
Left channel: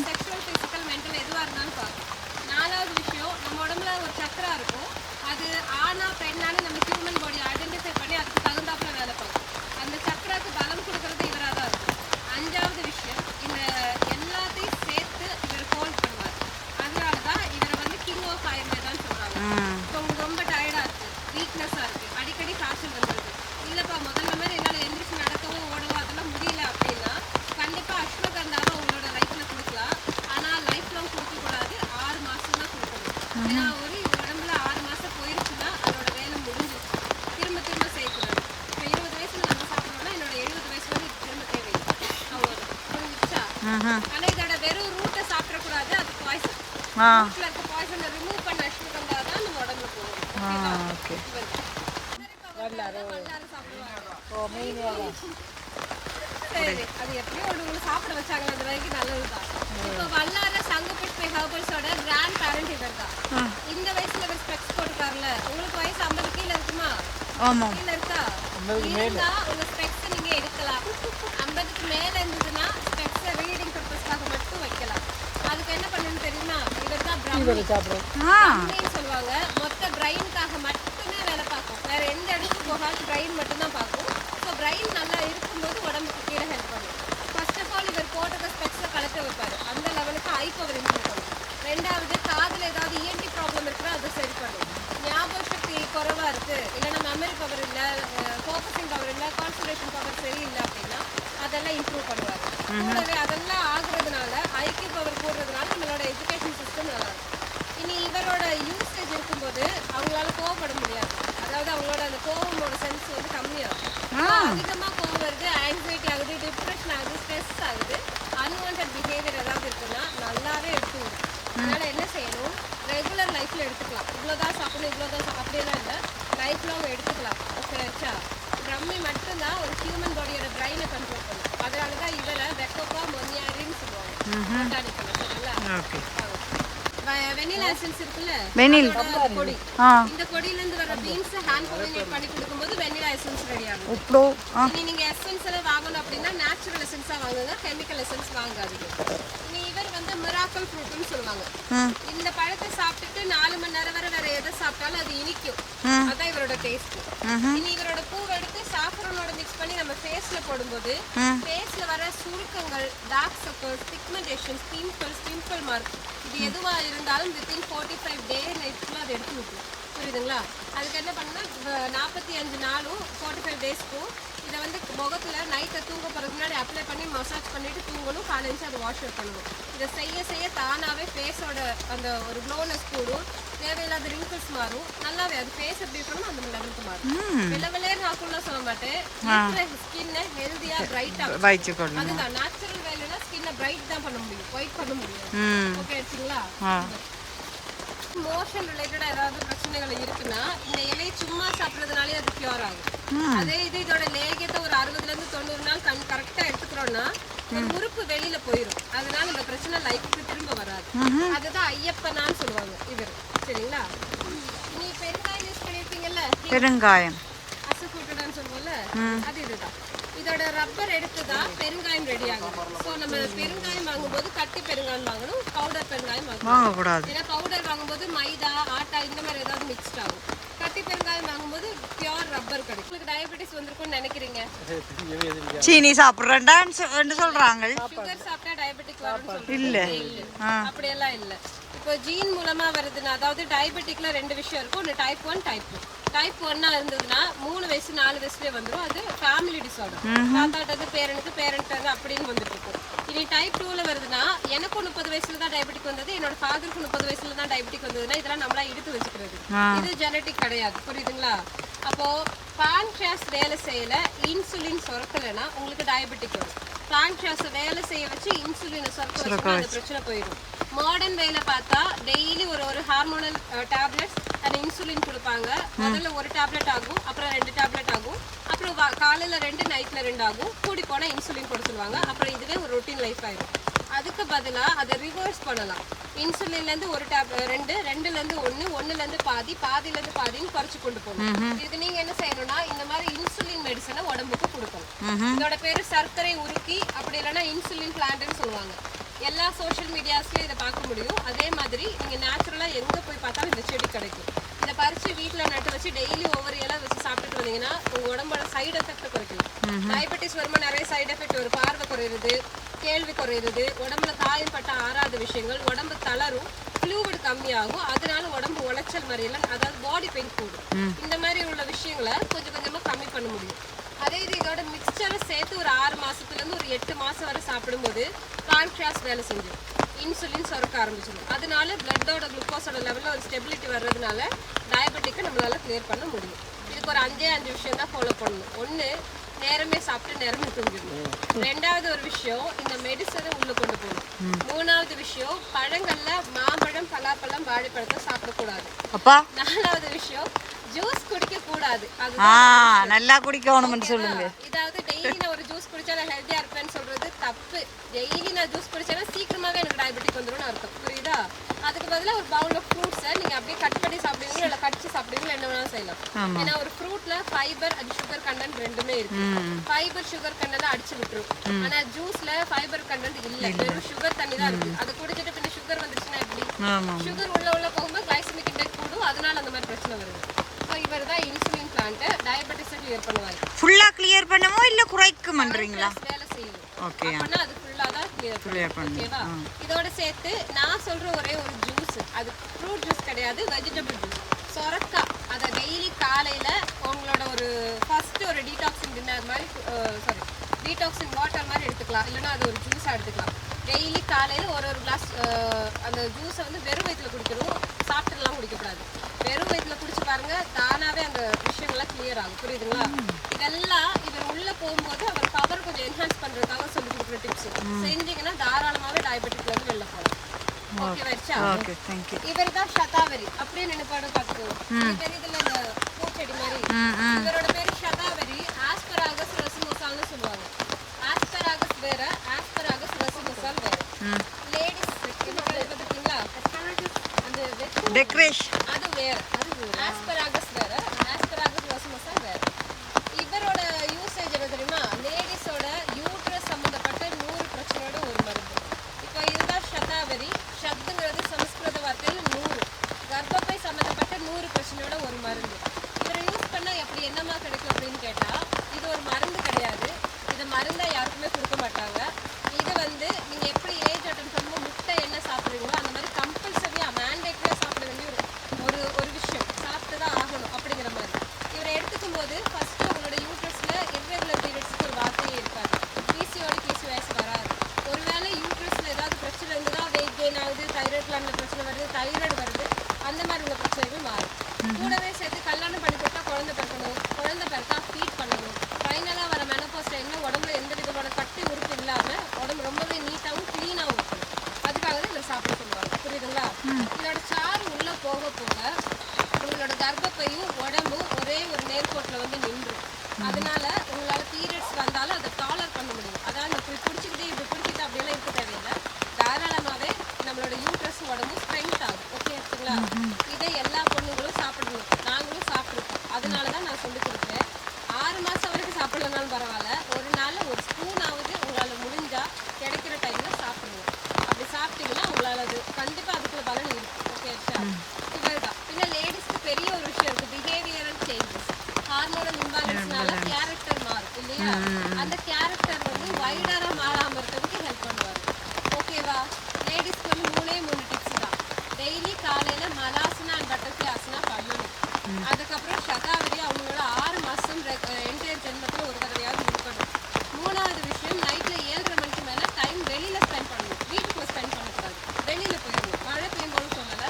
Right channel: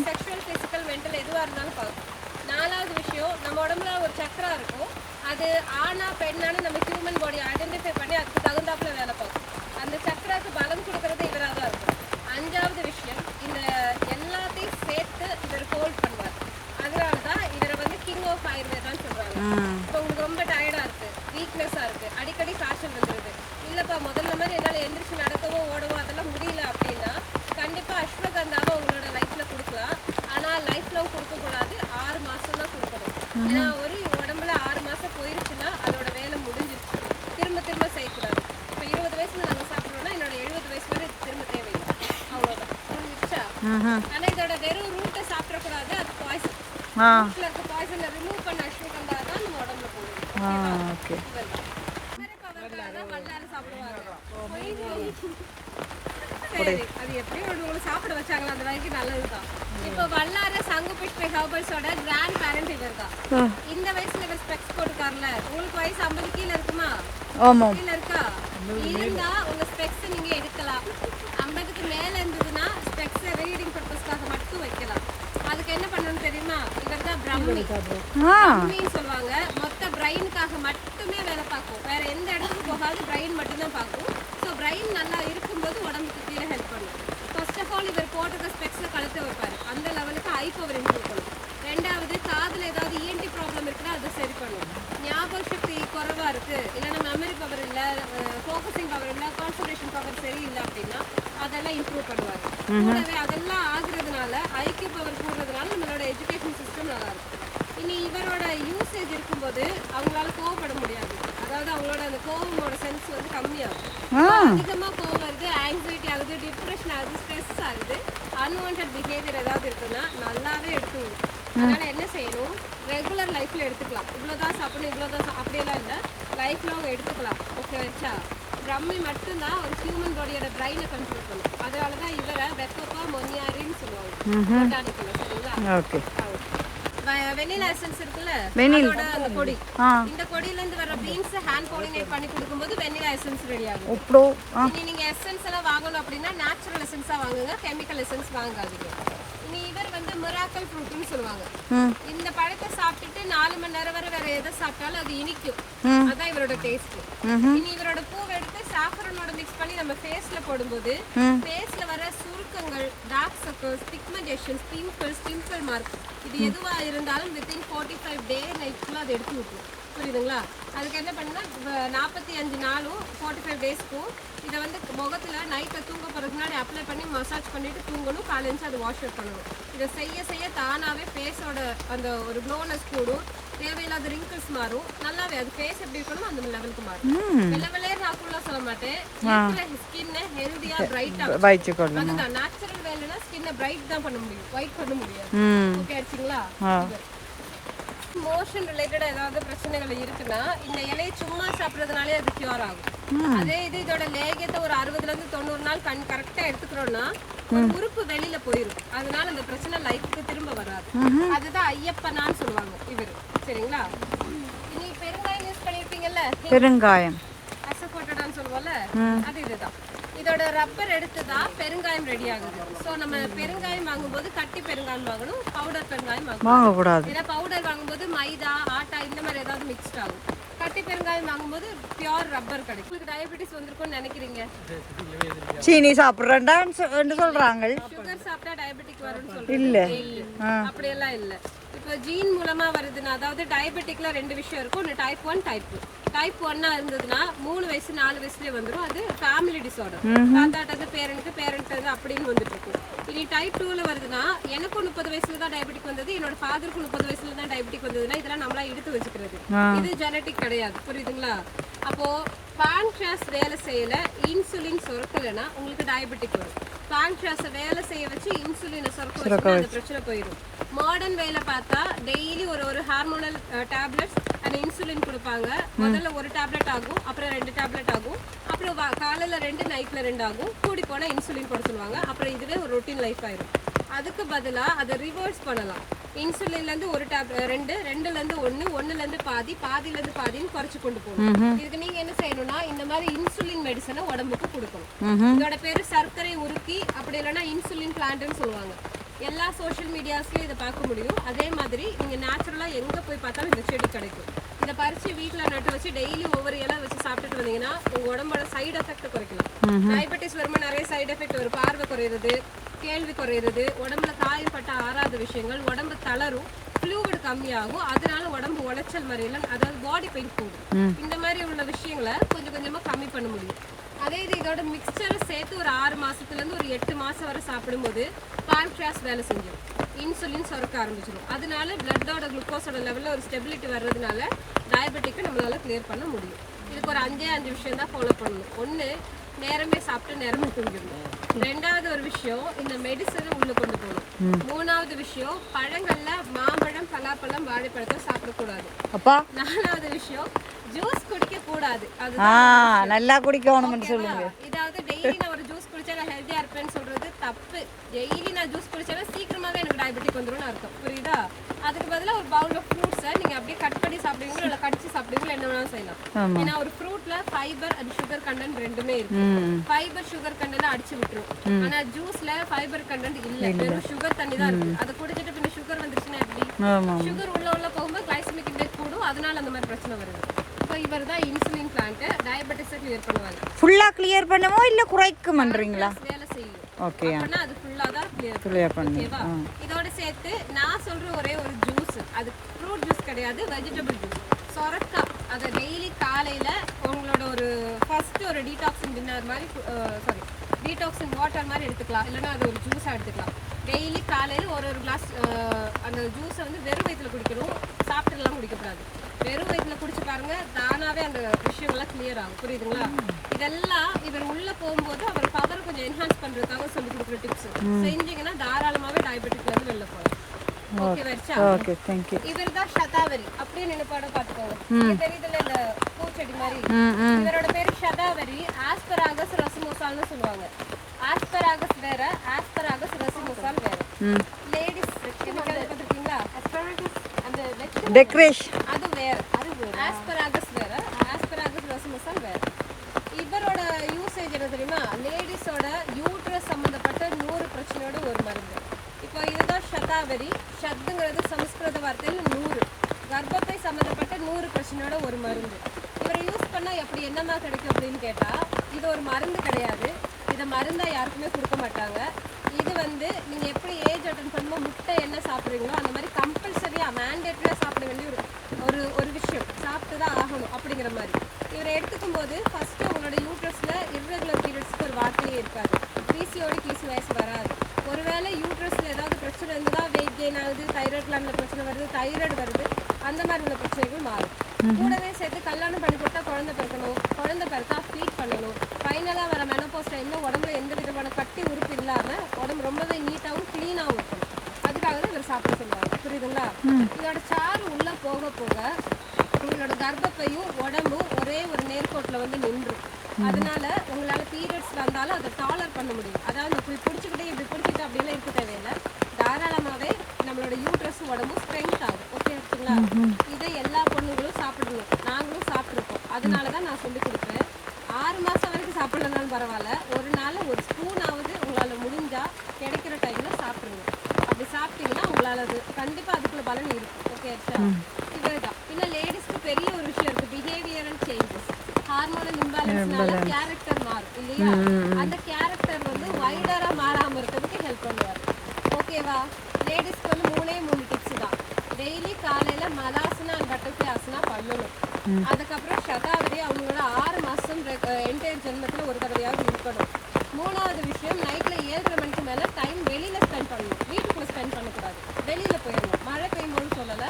sexual physical mental எதுவா இருந்தாலும் பார்க்கும் நாலாவது விஷயம் நம்ம உடம்புல ஒரு சக்கரா இருக்கும் அது ஆனா பெண்ணானு நம்ம ஹியூமன் பாடி ஐடென்டிஃபை பண்ணி அதுக்கு தகுந்தாப்புல வேலை பார்க்கும் அந்த சக்கராக்கு பலம் கொடுக்கறது இவராக தான் இருக்கும் அஞ்சாவது விஷயம் இந்த எல்லாத்தையும் சேர்த்து இவர் ஹோல்ட் பண்ணுவார் அதனாலதான் இவரை வந்து கிங் ஆஃப் ஆயுர்வேதான்னு சொல்றாங்க இப்போ உங்களுக்கு ரொம்ப டயர்டா இருக்கு வீக்னஸா இருக்கு அடிக்கடி காய்ச்சல் வந்துருது இல்லப்பா முதல்ல மாதிரி என்னால எந்திரிச்சு நடக்கவோ ஓடவோ அதெல்லாம் முடியல அப்படின்னா கண்டிப்பா அஸ்வகந்தாவை உங்களோட லைஃப்ல கொடுக்கலாம் ஆனா லைஃப் லாங் கொடுக்க கூடாது 6 மாசம் தான் கொடுக்கணும் ஏன்னா ஒரு உடம்புல 6 மாசம் போயிருச்சுன்னா அதோட வேலை முடிஞ்சிருச்சு திரும்ப செய்யக்கூடாது இப்போ 20 வயசுல நம்ம சாப்பிடணும்னா என்னோட 70 வயசு வரை திரும்ப தேவையில்லை அவ்வளவுதான் புரிஞ்சிருச்சா ஆனா இதோட வெறும் ரூட்டை சாப்பிடக்கூடாது அது பாய்சன் ரூட்ல இருக்க பாய்சனை ரிமூவ் பண்ண அஸ்வகந்தா தான் நம்ம உடம்புல போகணும் ஓகே சரி அது எப்படியும் ஒன்று சாப்பிட வச்சாங்களா அந்த வரைக்கும் நல்லதுதான் இப்போ வல்லார சங்குபிட் ஹெர்பல்ஸோட கிராண்ட் பேரண்ட் இவர் தான் இந்த வயசுல இவர் ஸ்பெக்ஸ் போட்டுக்காருல உங்களுக்கு வயசு 50 கீழ இருக்குமா கீழ இருக்கா இருந்தா உங்க ஸ்பெக்ஸ் நீங்க எடுக்கலாம் 50க்கு மேல இருந்ததுன்னா ஸ்பெக்ஸ் ரீடிங் பர்பஸ்க்காக மட்டும் வைக்கலாம் அதுக்கு என்ன பண்ணணும்னு தெரியுமா இவர் தான் பிராமின்னு சொல்லுவாங்க மொத்த பிரைனுக்காக மட்டுமே வேலை பார்க்கும் வேற எந்த இடத்துக்கு போகாது பிரைன் மட்டும் தான் பார்க்கும் ஸோ பிரைன் நல்லா இருக்கும்போது உடம்புக்கு கீழே ஹெல்ப் பண்ணும் ஃபர்ஸ்ட் ஆஃப் ஆல் இவர் போட்டுக்க ஸ்பெக்ஸை கலட்ட வைப்பாரு. அந்த லெவலுக்கு ஐ பவர் இம்ப்ரூவ் பண்ணும். ரெண்டாவது காதுல ஏதாவது இஎன்டி ப்ராப்ளம் இருக்குன்னா அதை சரி பண்ணும். ஞாபக சக்தி குறைவா இருக்கு, இல்லைன்னா மெமரி பவர் இல்லை, ஃபோக்கஸிங் பவர் இல்லை, கான்சன்ட்ரேஷன் பவர் சரியில்லை அப்படின்னா அதெல்லாம் இம்ப்ரூவ் பண்ணுவாரு. கூடவே அதெல்லாம் ஆகுறதுனால ஐக்யூ பவர் கூடுறதுனால நம்மளோட எஜுகேஷன் சிஸ்டம் நல்லா இருக்கும். இனி இவரோட யூசேஜ் இருக்கும்போது அவங்களால கோவப்பட முடியாது. அதாவது அவங்களோட அந்த கோவமோட சென்ஸ் வந்து கம்மியாகும். அதிகமா கோவம் வருது, ஆங்ஸைட்டி ஆகுது, டிப்ரெஷன் ஆகுது, ஸ்ட்ரெஸ் ஆகுது, அன்வான்ட் பிஹேவியர் ஏதாவது இருக்குன்னா நல்லாவே எடுத்து விடும். அதனால என்ன செய்யணும், ரெகுலர் லைஃப்ல எடுத்துக்கலாம். இவ்வளோதான் சாப்பிடணும், இவ்வளோதான் அப்படியெல்லாம் இல்லை, லைஃப் லாங் எடுத்துக்கலாம். ஓகே வச்சா பிரம்மி மட்டும்தான் ஒரு ஹியூமன் பாடியோட பிரைனை கண்ட்ரோல் பண்ணும். அதனால தான் இவரை வெக்கோப்பா மொனியாரின்னு சொல்லுவாங்க பொட்டானிக்கல்ல. சரிங்களா? வெனிலா எசன்ஸ் இருக்குல்ல, அதோட கொடி, இந்த கொடியில இருந்து வர பீன்ஸ் ஹேண்ட் பாலினேட் பண்ணி கொடுக்கும்போது வெனிலா எசன்ஸ் ரெடி ஆகும். இனி நீங்க எசன்ஸ் எல்லாம் வாங்கணும் அப்படின்னா நேச்சுரல் எசன்ஸா வாங்குங்க, கெமிக்கல் எசன்ஸ் வாங்காதீங்க. இனி இவர் வந்து மிராக்கல் ஃப்ரூட்னு சொல்லுவாங்க. இந்த பழத்தை சாப்பிட்டுட்டு 4 மணி நேரம் வரை வேற எதை சாப்பிட்டாலும் அது இனிக்கும். அதான் இவரோட டேஸ்ட். இனி இவரோட பூவை எடுத்து சாஃப்ரானோட மிக்ஸ் பண்ணி நம்ம ஃபேஸ்ல போடும்போது ஃபேஸ்ல வர சுருக்கங்கள், dark circles, pigmentation, pimple mark இது எதுவா இருந்தாலும் வித்தின் 45 டே நைட்க்குள்ள அதை எடுத்து விட்டுரும். புரியுதுங்களா? அதுக்கு என்ன பண்ணா 45 நாளும் 45 டேஸ்க்கும் இதை வந்து முகத்துல நைட்டை தூங்க போறதுக்கு முன்னாடி அப்ளை பண்ணி மசாஜ் பண்ணிட்டு தூங்கணும். காலையில அது வாஷ் அவுட் பண்ணணும். இதை செய்ய செய்ய தானாவே ஃபேஸோட அந்த ஒரு க்ளோனஸ் கூடும், தேவையில்லாத ரிங்கிள்ஸ் மாறும். நல்லாவே அது ஃபேஸ் எப்படி இருக்கணும் அந்த லெவலுக்கு மாறும். வெள்ளை நாக்குள்ள சொல்ல மாட்டேன், ஸ்கின்னை ஹெல்தியா பிரைட்டா அதுதான் நேச்சுரல் வேலைனா ஸ்கின்னை பிரைட் தான் பண்ண முடியும், ஒயிட் பண்ண முடியாது. ஓகே ஆச்சுங்களா? மோஷன் ரிலேட்டடா ஏதாவது பிரச்சனைகள் இருக்குன்னா இந்த இலையை சும்மா சாப்பிட்றதுனாலே அது கியூர் ஆகும். அதே இது இதோட லேகியத்தை ஒரு 60 இருந்து 90 நாள் கரெக்டா எடுத்துக்கிறோம்னா உறுப்பு வெளியில போயிடும். அதனால அந்த பிரச்சனை லைஃப்க்கு திரும்ப வராது. அதுதான் ஐயப்பனான்னு சொல்லுவாங்க இவரு. சரிங்களா? நீ பெருங்காயம் யூஸ் பண்ணிருப்பீங்கல்ல, பெருங்காயம் அசோஃபோட்டடான்னு சொல்லுவோம்ல, அது இதுதான். இதோட ரப்பர் எடுத்துதான் பெருங்காயம் ரெடி ஆகுது. ஸோ நம்ம பெருங்காயம் வாங்கும்போது கட்டி பெருங்காயம் வாங்கணும், பவுடர் பெருங்காயம் வாங்கக்கூடாது. ஏன்னா பவுடர் வாங்கும்போது மைதா, ஆட்டா இந்த மாதிரி ஏதாவது மிக்ஸ்ட் ஆகும். கட்டி பெருங்காயம் வாங்கும்போது பியூர் ரப்பர் கிடைக்கும். உங்களுக்கு டயபெட்டிஸ் வந்திருக்கும்னு நினைக்கிறீங்க, சீனி சாப்பிட்றேன்னு சொல்றாங்க. சுகர் சாப்பிட்டா டயபெட்டிக் வரும்னு சொல்றாங்க. இல்ல அப்படியெல்லாம் இல்ல. இப்போ ஜீன் மூலமா வருதுன்னா, அதாவது டயபெட்டிக்ல 2 விஷயம் இருக்கும், ஒன்று டைப் 1 டைப் 2. டைப் 1 இருந்ததுன்னா 3 வயசு 4 வயசுலேயே வந்துடும். அது ஃபேமிலி டிசார்டர், தாத்தாட்டது பேரனுக்கு பேரண்ட் அப்படின்னு வந்துட்டு இருக்கும். இனி டைப் 2ல வருதுன்னா, எனக்கும் 30 வயசுல தான் டயபெட்டிக் வந்தது, என்னோட ஃபாதருக்கு 30 வயசுல தான் டயபெட்டிக் வந்ததுன்னா இதெல்லாம் நம்மளா எடுத்து வச்சுக்கிறது. இது ஜெனட்டிக் கிடையாது. புரியுதுங்களா? அப்போ பான்கிரியாஸ் வேலை செய்யல, இன்சுலின் சுரக்கலைன்னா உங்களுக்கு டயபெட்டிக் வரும். பான்கிரியாஸை வேலை செய்ய வச்சு இன்சுலினை சுரக்க வச்சு பிரச்சனை போயிடும். மாடர்ன் வேலை பார்த்தா டெய்லி ஒரு ஹார்மோனல் டேப்லெட்ஸ் அந்த இன்சுலின் கொடுப்பாங்க. முதல்ல 1 டேப்லெட் ஆகும், அப்புறம் 2 டேப்லெட் ஆகும், அப்புறம் காலையில் 2 நைட்டில் 2 ஆகும். கூடி போனால் இன்சுலின் கொடுத்து சொல்லுவாங்க. அப்புறம் இதுவே ஒரு ரொட்டீன் லைஃப் ஆயிடும். அதுக்கு பதிலாக அதை ரிவர்ஸ் பண்ணலாம். இன்சுலின்லேருந்து 1 டேப்லெட் 2, 2லேருந்து 1, 1லேருந்து பாதி, பாதியிலேருந்து பாதின்னு குறைச்சி கொண்டு போகணும். இதுக்கு நீங்கள் என்ன செய்யணும்னா இந்த மாதிரி இன்சுலின் மெடிசனை உடம்புக்கு கொடுக்கணும். இதோட பேர் சர்க்கரை உருக்கி, அப்படி இல்லைன்னா இன்சுலின் பிளான்ட்னு சொல்லுவாங்க. எல்லா சோஷியல் மீடியாஸ்லையும் இதை பார்க்க முடியும். அதே மாதிரி நீங்கள் நேச்சுரலாக எங்கே போய் பார்த்தாலும் இந்த செடி கிடைக்கும். இதை பறித்து வீட்டில் நட்டு வச்சு டெய்லி ஒவ்வொரு இலை வச்சு சாப்பிட்டுட்டு வந்தீங்கன்னா உங்கள் உடம்போட சைடு எஃபெக்ட் குறைக்கலாம். டயபெட்டிஸ் வரும்போது நிறைய சைடு எஃபெக்ட் வரும். பார்வை குறையிறது, கேள்வி குறையிறது, உடம்புல காயப்பட்ட ஆறாத விஷயங்கள், உடம்பு தளரும், ஃப்ளூவிட் கம்மியாகும். அதனால உடம்பு உளைச்சல் மாதிரியெல்லாம், அதாவது பாடி பெயின் கூடும். இந்த மாதிரி உள்ள விஷயங்களை கொஞ்சம் கொஞ்சமாக கம்மி பண்ண முடியும். அதே இது இதோட மிக்சரை சேர்த்து ஒரு 6 மாசத்துலேருந்து ஒரு 8 மாதம் வரை சாப்பிடும்போது பான்கிரியாஸ் வேலை செஞ்சிடும், இன்சுலின் சுரக்க ஆரம்பிச்சிடும். அதனால பிளட்டோட குளுக்கோஸோட லெவலில் ஒரு ஸ்டெபிலிட்டி வர்றதுனால டயபெட்டிக்கை நம்மளால கிளியர் பண்ண முடியும். இதுக்கு ஒரு 5 விஷயம் தான் ஃபாலோ பண்ணணும். 1, நேரமே சாப்பிட்டு நேரமே தூங்கிடணும். 2வது ஒரு விஷயம், இந்த மெடிசனை உள்ள கொண்டு போகணும். 3வது விஷயம், பழங்கள்ல மாம்பழம், பலாப்பழம், வாழைப்பழத்தை சாப்பிடக்கூடாது. 4வது விஷயம், ஜூஸ் குடிக்க கூடாது. நல்லா குடிக்கணும்னு சொல்லுங்க. இதாவது டெய்லி நான் ஒரு ஜூஸ் குடிச்சா நான் ஹெல்தியா இருப்பேன்னு சொல்றது தப்பு. டெய்லி நான் ஜூஸ் குடிச்சேன்னா சீக்கிரமாவே எனக்கு டயபெட்டிக் வந்துரும்னு அர்த்தம். புரியுதா? அதுக்கு பதிலாக ஒரு பவுல் ஆஃப் ஃப்ரூட்ஸை நீங்க அப்படியே கட் பண்ணி சாப்பிடுவீங்களா, இல்லை கடிச்சு சாப்பிடுவீங்களா, என்ன வேணாலும் செய்யலாம். ஏன்னா ஒரு ஃப்ரூட்ல ஃபைபர் அது சுகர் கண்டென்ட் 2மே இருக்கு. ஃபைபர் சுகர் கண்டென்ட் அடிச்சு விட்டுரும். ஆனா ஜூஸ்ல ஃபைபர் கண்டென்ட் இல்ல, வெறும் சுகர் தண்ணி தான் இருக்கு. அது குடிச்சிட்டு பின்ன சுகர் வந்துருச்சுன்னா எப்படி? சுகர் உள்ள போகும்போது கிளைசமிக் இண்டெக்ஸ் கூடும். அதனால அந்த மாதிரி பிரச்சனை வருது. இவர் தான் இன்சுலின் பிளான்ட் டயபெட்டிஸை கிளியர் பண்ணுவாங்க. ஃபுல்லா கிளியர் பண்ணுமோ இல்ல குறைக்கும்ன்றீங்களா? வேலை செய்யும். ஓகே. அப்பனா அது ஃபுல்லா தான் கிளியர் ஓகேவா. இதோட சேர்த்து நான் சொல்ற ஒரே ஒரு ஜூஸ், அது ஃப்ரூட் ஜூஸ் கிடையாது, வெஜிடபிள் ஜூஸ். சொரக்காய் அதை டெய்லி காலையில உங்களோட ஒரு ஃபர்ஸ்ட் ஒரு டீடாக்சிங் டின்னர் மாதிரி சாரி டீடாக்சிங் வாட்டர் மாதிரி எடுத்துக்கலாம், இல்லைன்னா அது ஒரு ஜூஸாக எடுத்துக்கலாம். டெய்லி காலையில் ஒரு கிளாஸ் அந்த ஜூஸை வந்து வெறும் வயிற்றுல குடிக்கணும், சாப்பிட்டுலாம் குடிக்கக்கூடாது. வெறும் வயிற்றுல குடிச்சு பாருங்க, தானாகவே அந்த விஷயங்கள்லாம் கிளியர் ஆகும். புரியுதுங்களா? இதெல்லாம் இவர் உள்ள போகும்போது அவர் பவர் கொஞ்சம் என்ஹான்ஸ் பண்றதுக்காக சொல்லி கொடுக்குற டிப்ஸ். செஞ்சீங்கன்னா தாராளமாகவே டயபெட்டிக்ல இருந்து வெளில போகலாம். Okay thank you. இவர் தான் ஷதாவரி, அப்படியே நினைப்பாட பார்த்துக்கோங்க. இவர் இதுல இந்த பூச்செடி மாதிரி. இவரோட பேரு ஷதாவரி. ஆஸ்பராகஸ் ரசிமோசால்னு சொல்லுவாங்க. ஆஸ்பராகஸ் வேற, ஆஸ்பராகஸ் ரசிமோசால் வேற. லேடிஸ் என்ன பார்த்துருக்கீங்களா? அந்த டெக்கரேஷன் அது வேற, ஆஸ்பராகஸ் வேற, ஆஸ்பராகஸ் ரசிமோசால் வேற. இவரோட யூசேஜ் என்ன தெரியுமா? லேடிஸோட யூட்ரஸ் சம்பந்தப்பட்ட 100 பிரச்சனையோட ஒரு மருந்து. இப்போ இதுதான் ஷதாவரி. ஷப்துங்கிறது சமஸ்கிருத வார்த்தையில் 100. கர்ப்பப்பை சம்மந்தப்பட்ட 100 பிரச்சனையோட ஒரு மருந்து. இவரை யூஸ் பண்ணால் எப்படி என்னமா கிடைக்கும் அப்படின்னு கேட்டால், இது ஒரு மருந்து கிடையாது. இதை மருந்தாக யாருக்குமே கொடுக்க மாட்டாங்க. இது வந்து நீங்கள் எப்படி ஏஜ் அட்டன் பண்ணும்போது முட்டை என்ன சாப்பிட்றீங்களோ அந்த மாதிரி கம்பல்சரியாக மேண்டேட்டரியாக சாப்பிட வேண்டிய ஒரு ஒரு விஷயம், சாப்பிட்டு தான் ஆகணும் அப்படிங்கிற மாதிரி. இவரை எடுத்துக்கும் போது ஃபஸ்ட்டு உங்களோட யூட்ரஸில் இர்ரெகுலர் பீரியட்ஸ்க்கு ஒரு வார்த்தையே இருக்காது. PCOS வராது. ஒருவேளை யூட்ரஸில் ஏதாவது பிரச்சனை இருந்தால் வெயிட் கெயின் ஆகுது, தைராய்டு கிளாண்டில் பிரச்சனை வருது, தைராய்டு வருது, அந்த மாதிரி உள்ள பிரச்சனைகள் மாறும். கூடவே சேர்த்து கல்யாணம் பண்ணி போட்டால் குழந்தை பிறக்கணும், குழந்தை பிறக்கா ஃபீட் பண்ணணும். ஃபைனலாக வர மெனோபாஸ் டைமில் உடம்புல எந்த விதமான கட்டி உறுப்பு இல்லாமல் உடம்பு ரொம்பவே நீட்டாகவும் க்ளீனாகவும் இருக்கணும். அதுக்காக தான் இதை சாப்பிட சொல்லுவாங்க. புரியுதுங்களா? இதோட சாறு உள்ளே போக போக உங்களோட கர்ப்பப்பையும் உடம்பும் ஒரே ஒரு நேர்கோட்டில் வந்து நின்றும். அதனால உங்களால் பீரியட்ஸ் வந்தாலும் அதை டாலர் பண்ண முடியும். அதாவது இப்படி பிடிச்சிக்கிட்டே இப்படி பிடிச்சிட்டு அப்படியெல்லாம் இருக்க தேவையில்லை. தாராளமாகவே நம்மளோட யூட்ரஸ் உடம்பும் ஸ்ட்ரென்த் ஆகும். ஓகே இருக்குங்களா? இதை எல்லா பொண்ணுங்களும் சாப்பிடணும். நாங்களும் சாப்பிட்ருக்கோம். அதனால தான் நான் சொல்லி கொடுப்பேன். 6 மாதம் வரைக்கும் சாப்பிடலனாலும் பரவாயில்ல, ஒரு நாள் ஒரு ஸ்பூனாவது உங்களால் முடிஞ்சால் கிடைக்கிற டைமில் சாப்பிடுங்க. அப்படி சாப்பிட்டீங்கன்னா உங்களால் அது கண்டிப்பாக அதுக்குள்ள பலன் இருக்கும். ஓகே ஆச்சா? இதுதான். இன்னும் லேடிஸ்க்கு பெரிய ஒரு விஷயம் இருக்குது, பிஹேவியரல் சேஞ்சஸ். ஹார்மோனல் இம்பேலன்ஸ்னால கேரக்டர் மாறும் இல்லையா? அந்த கேரக்டர் வந்து வைடராக மாறாமல் இருக்கிறதுக்கு ஹெல்ப் பண்ணுவார். ஓகேவா? லேடிஸ்க்கு வந்து 3 டிப்ஸ் தான். டெய்லி காலையில் மலாசனா அண்ட் பட்டர்ஃப்ளை ஆசனா பண்ணணும். அதுக்கப்புறம் ஷதாவரி அவங்களோட 6 மாதம் என்டையர் ஜென்மத்தில் ஒரு தடவையாவது இருக்கணும். 3வது விஷயம், நைட்டில் 7:30 மணிக்கு மேலே டைம் வெளியில் ஸ்பெண்ட் பண்ணணும். வீட்டுக்குள்ளே ஸ்பெண்ட் பண்ணக்கூடாது, வெளியில் போயிடணும். மழை பெய்யும்போது சொல்லலை,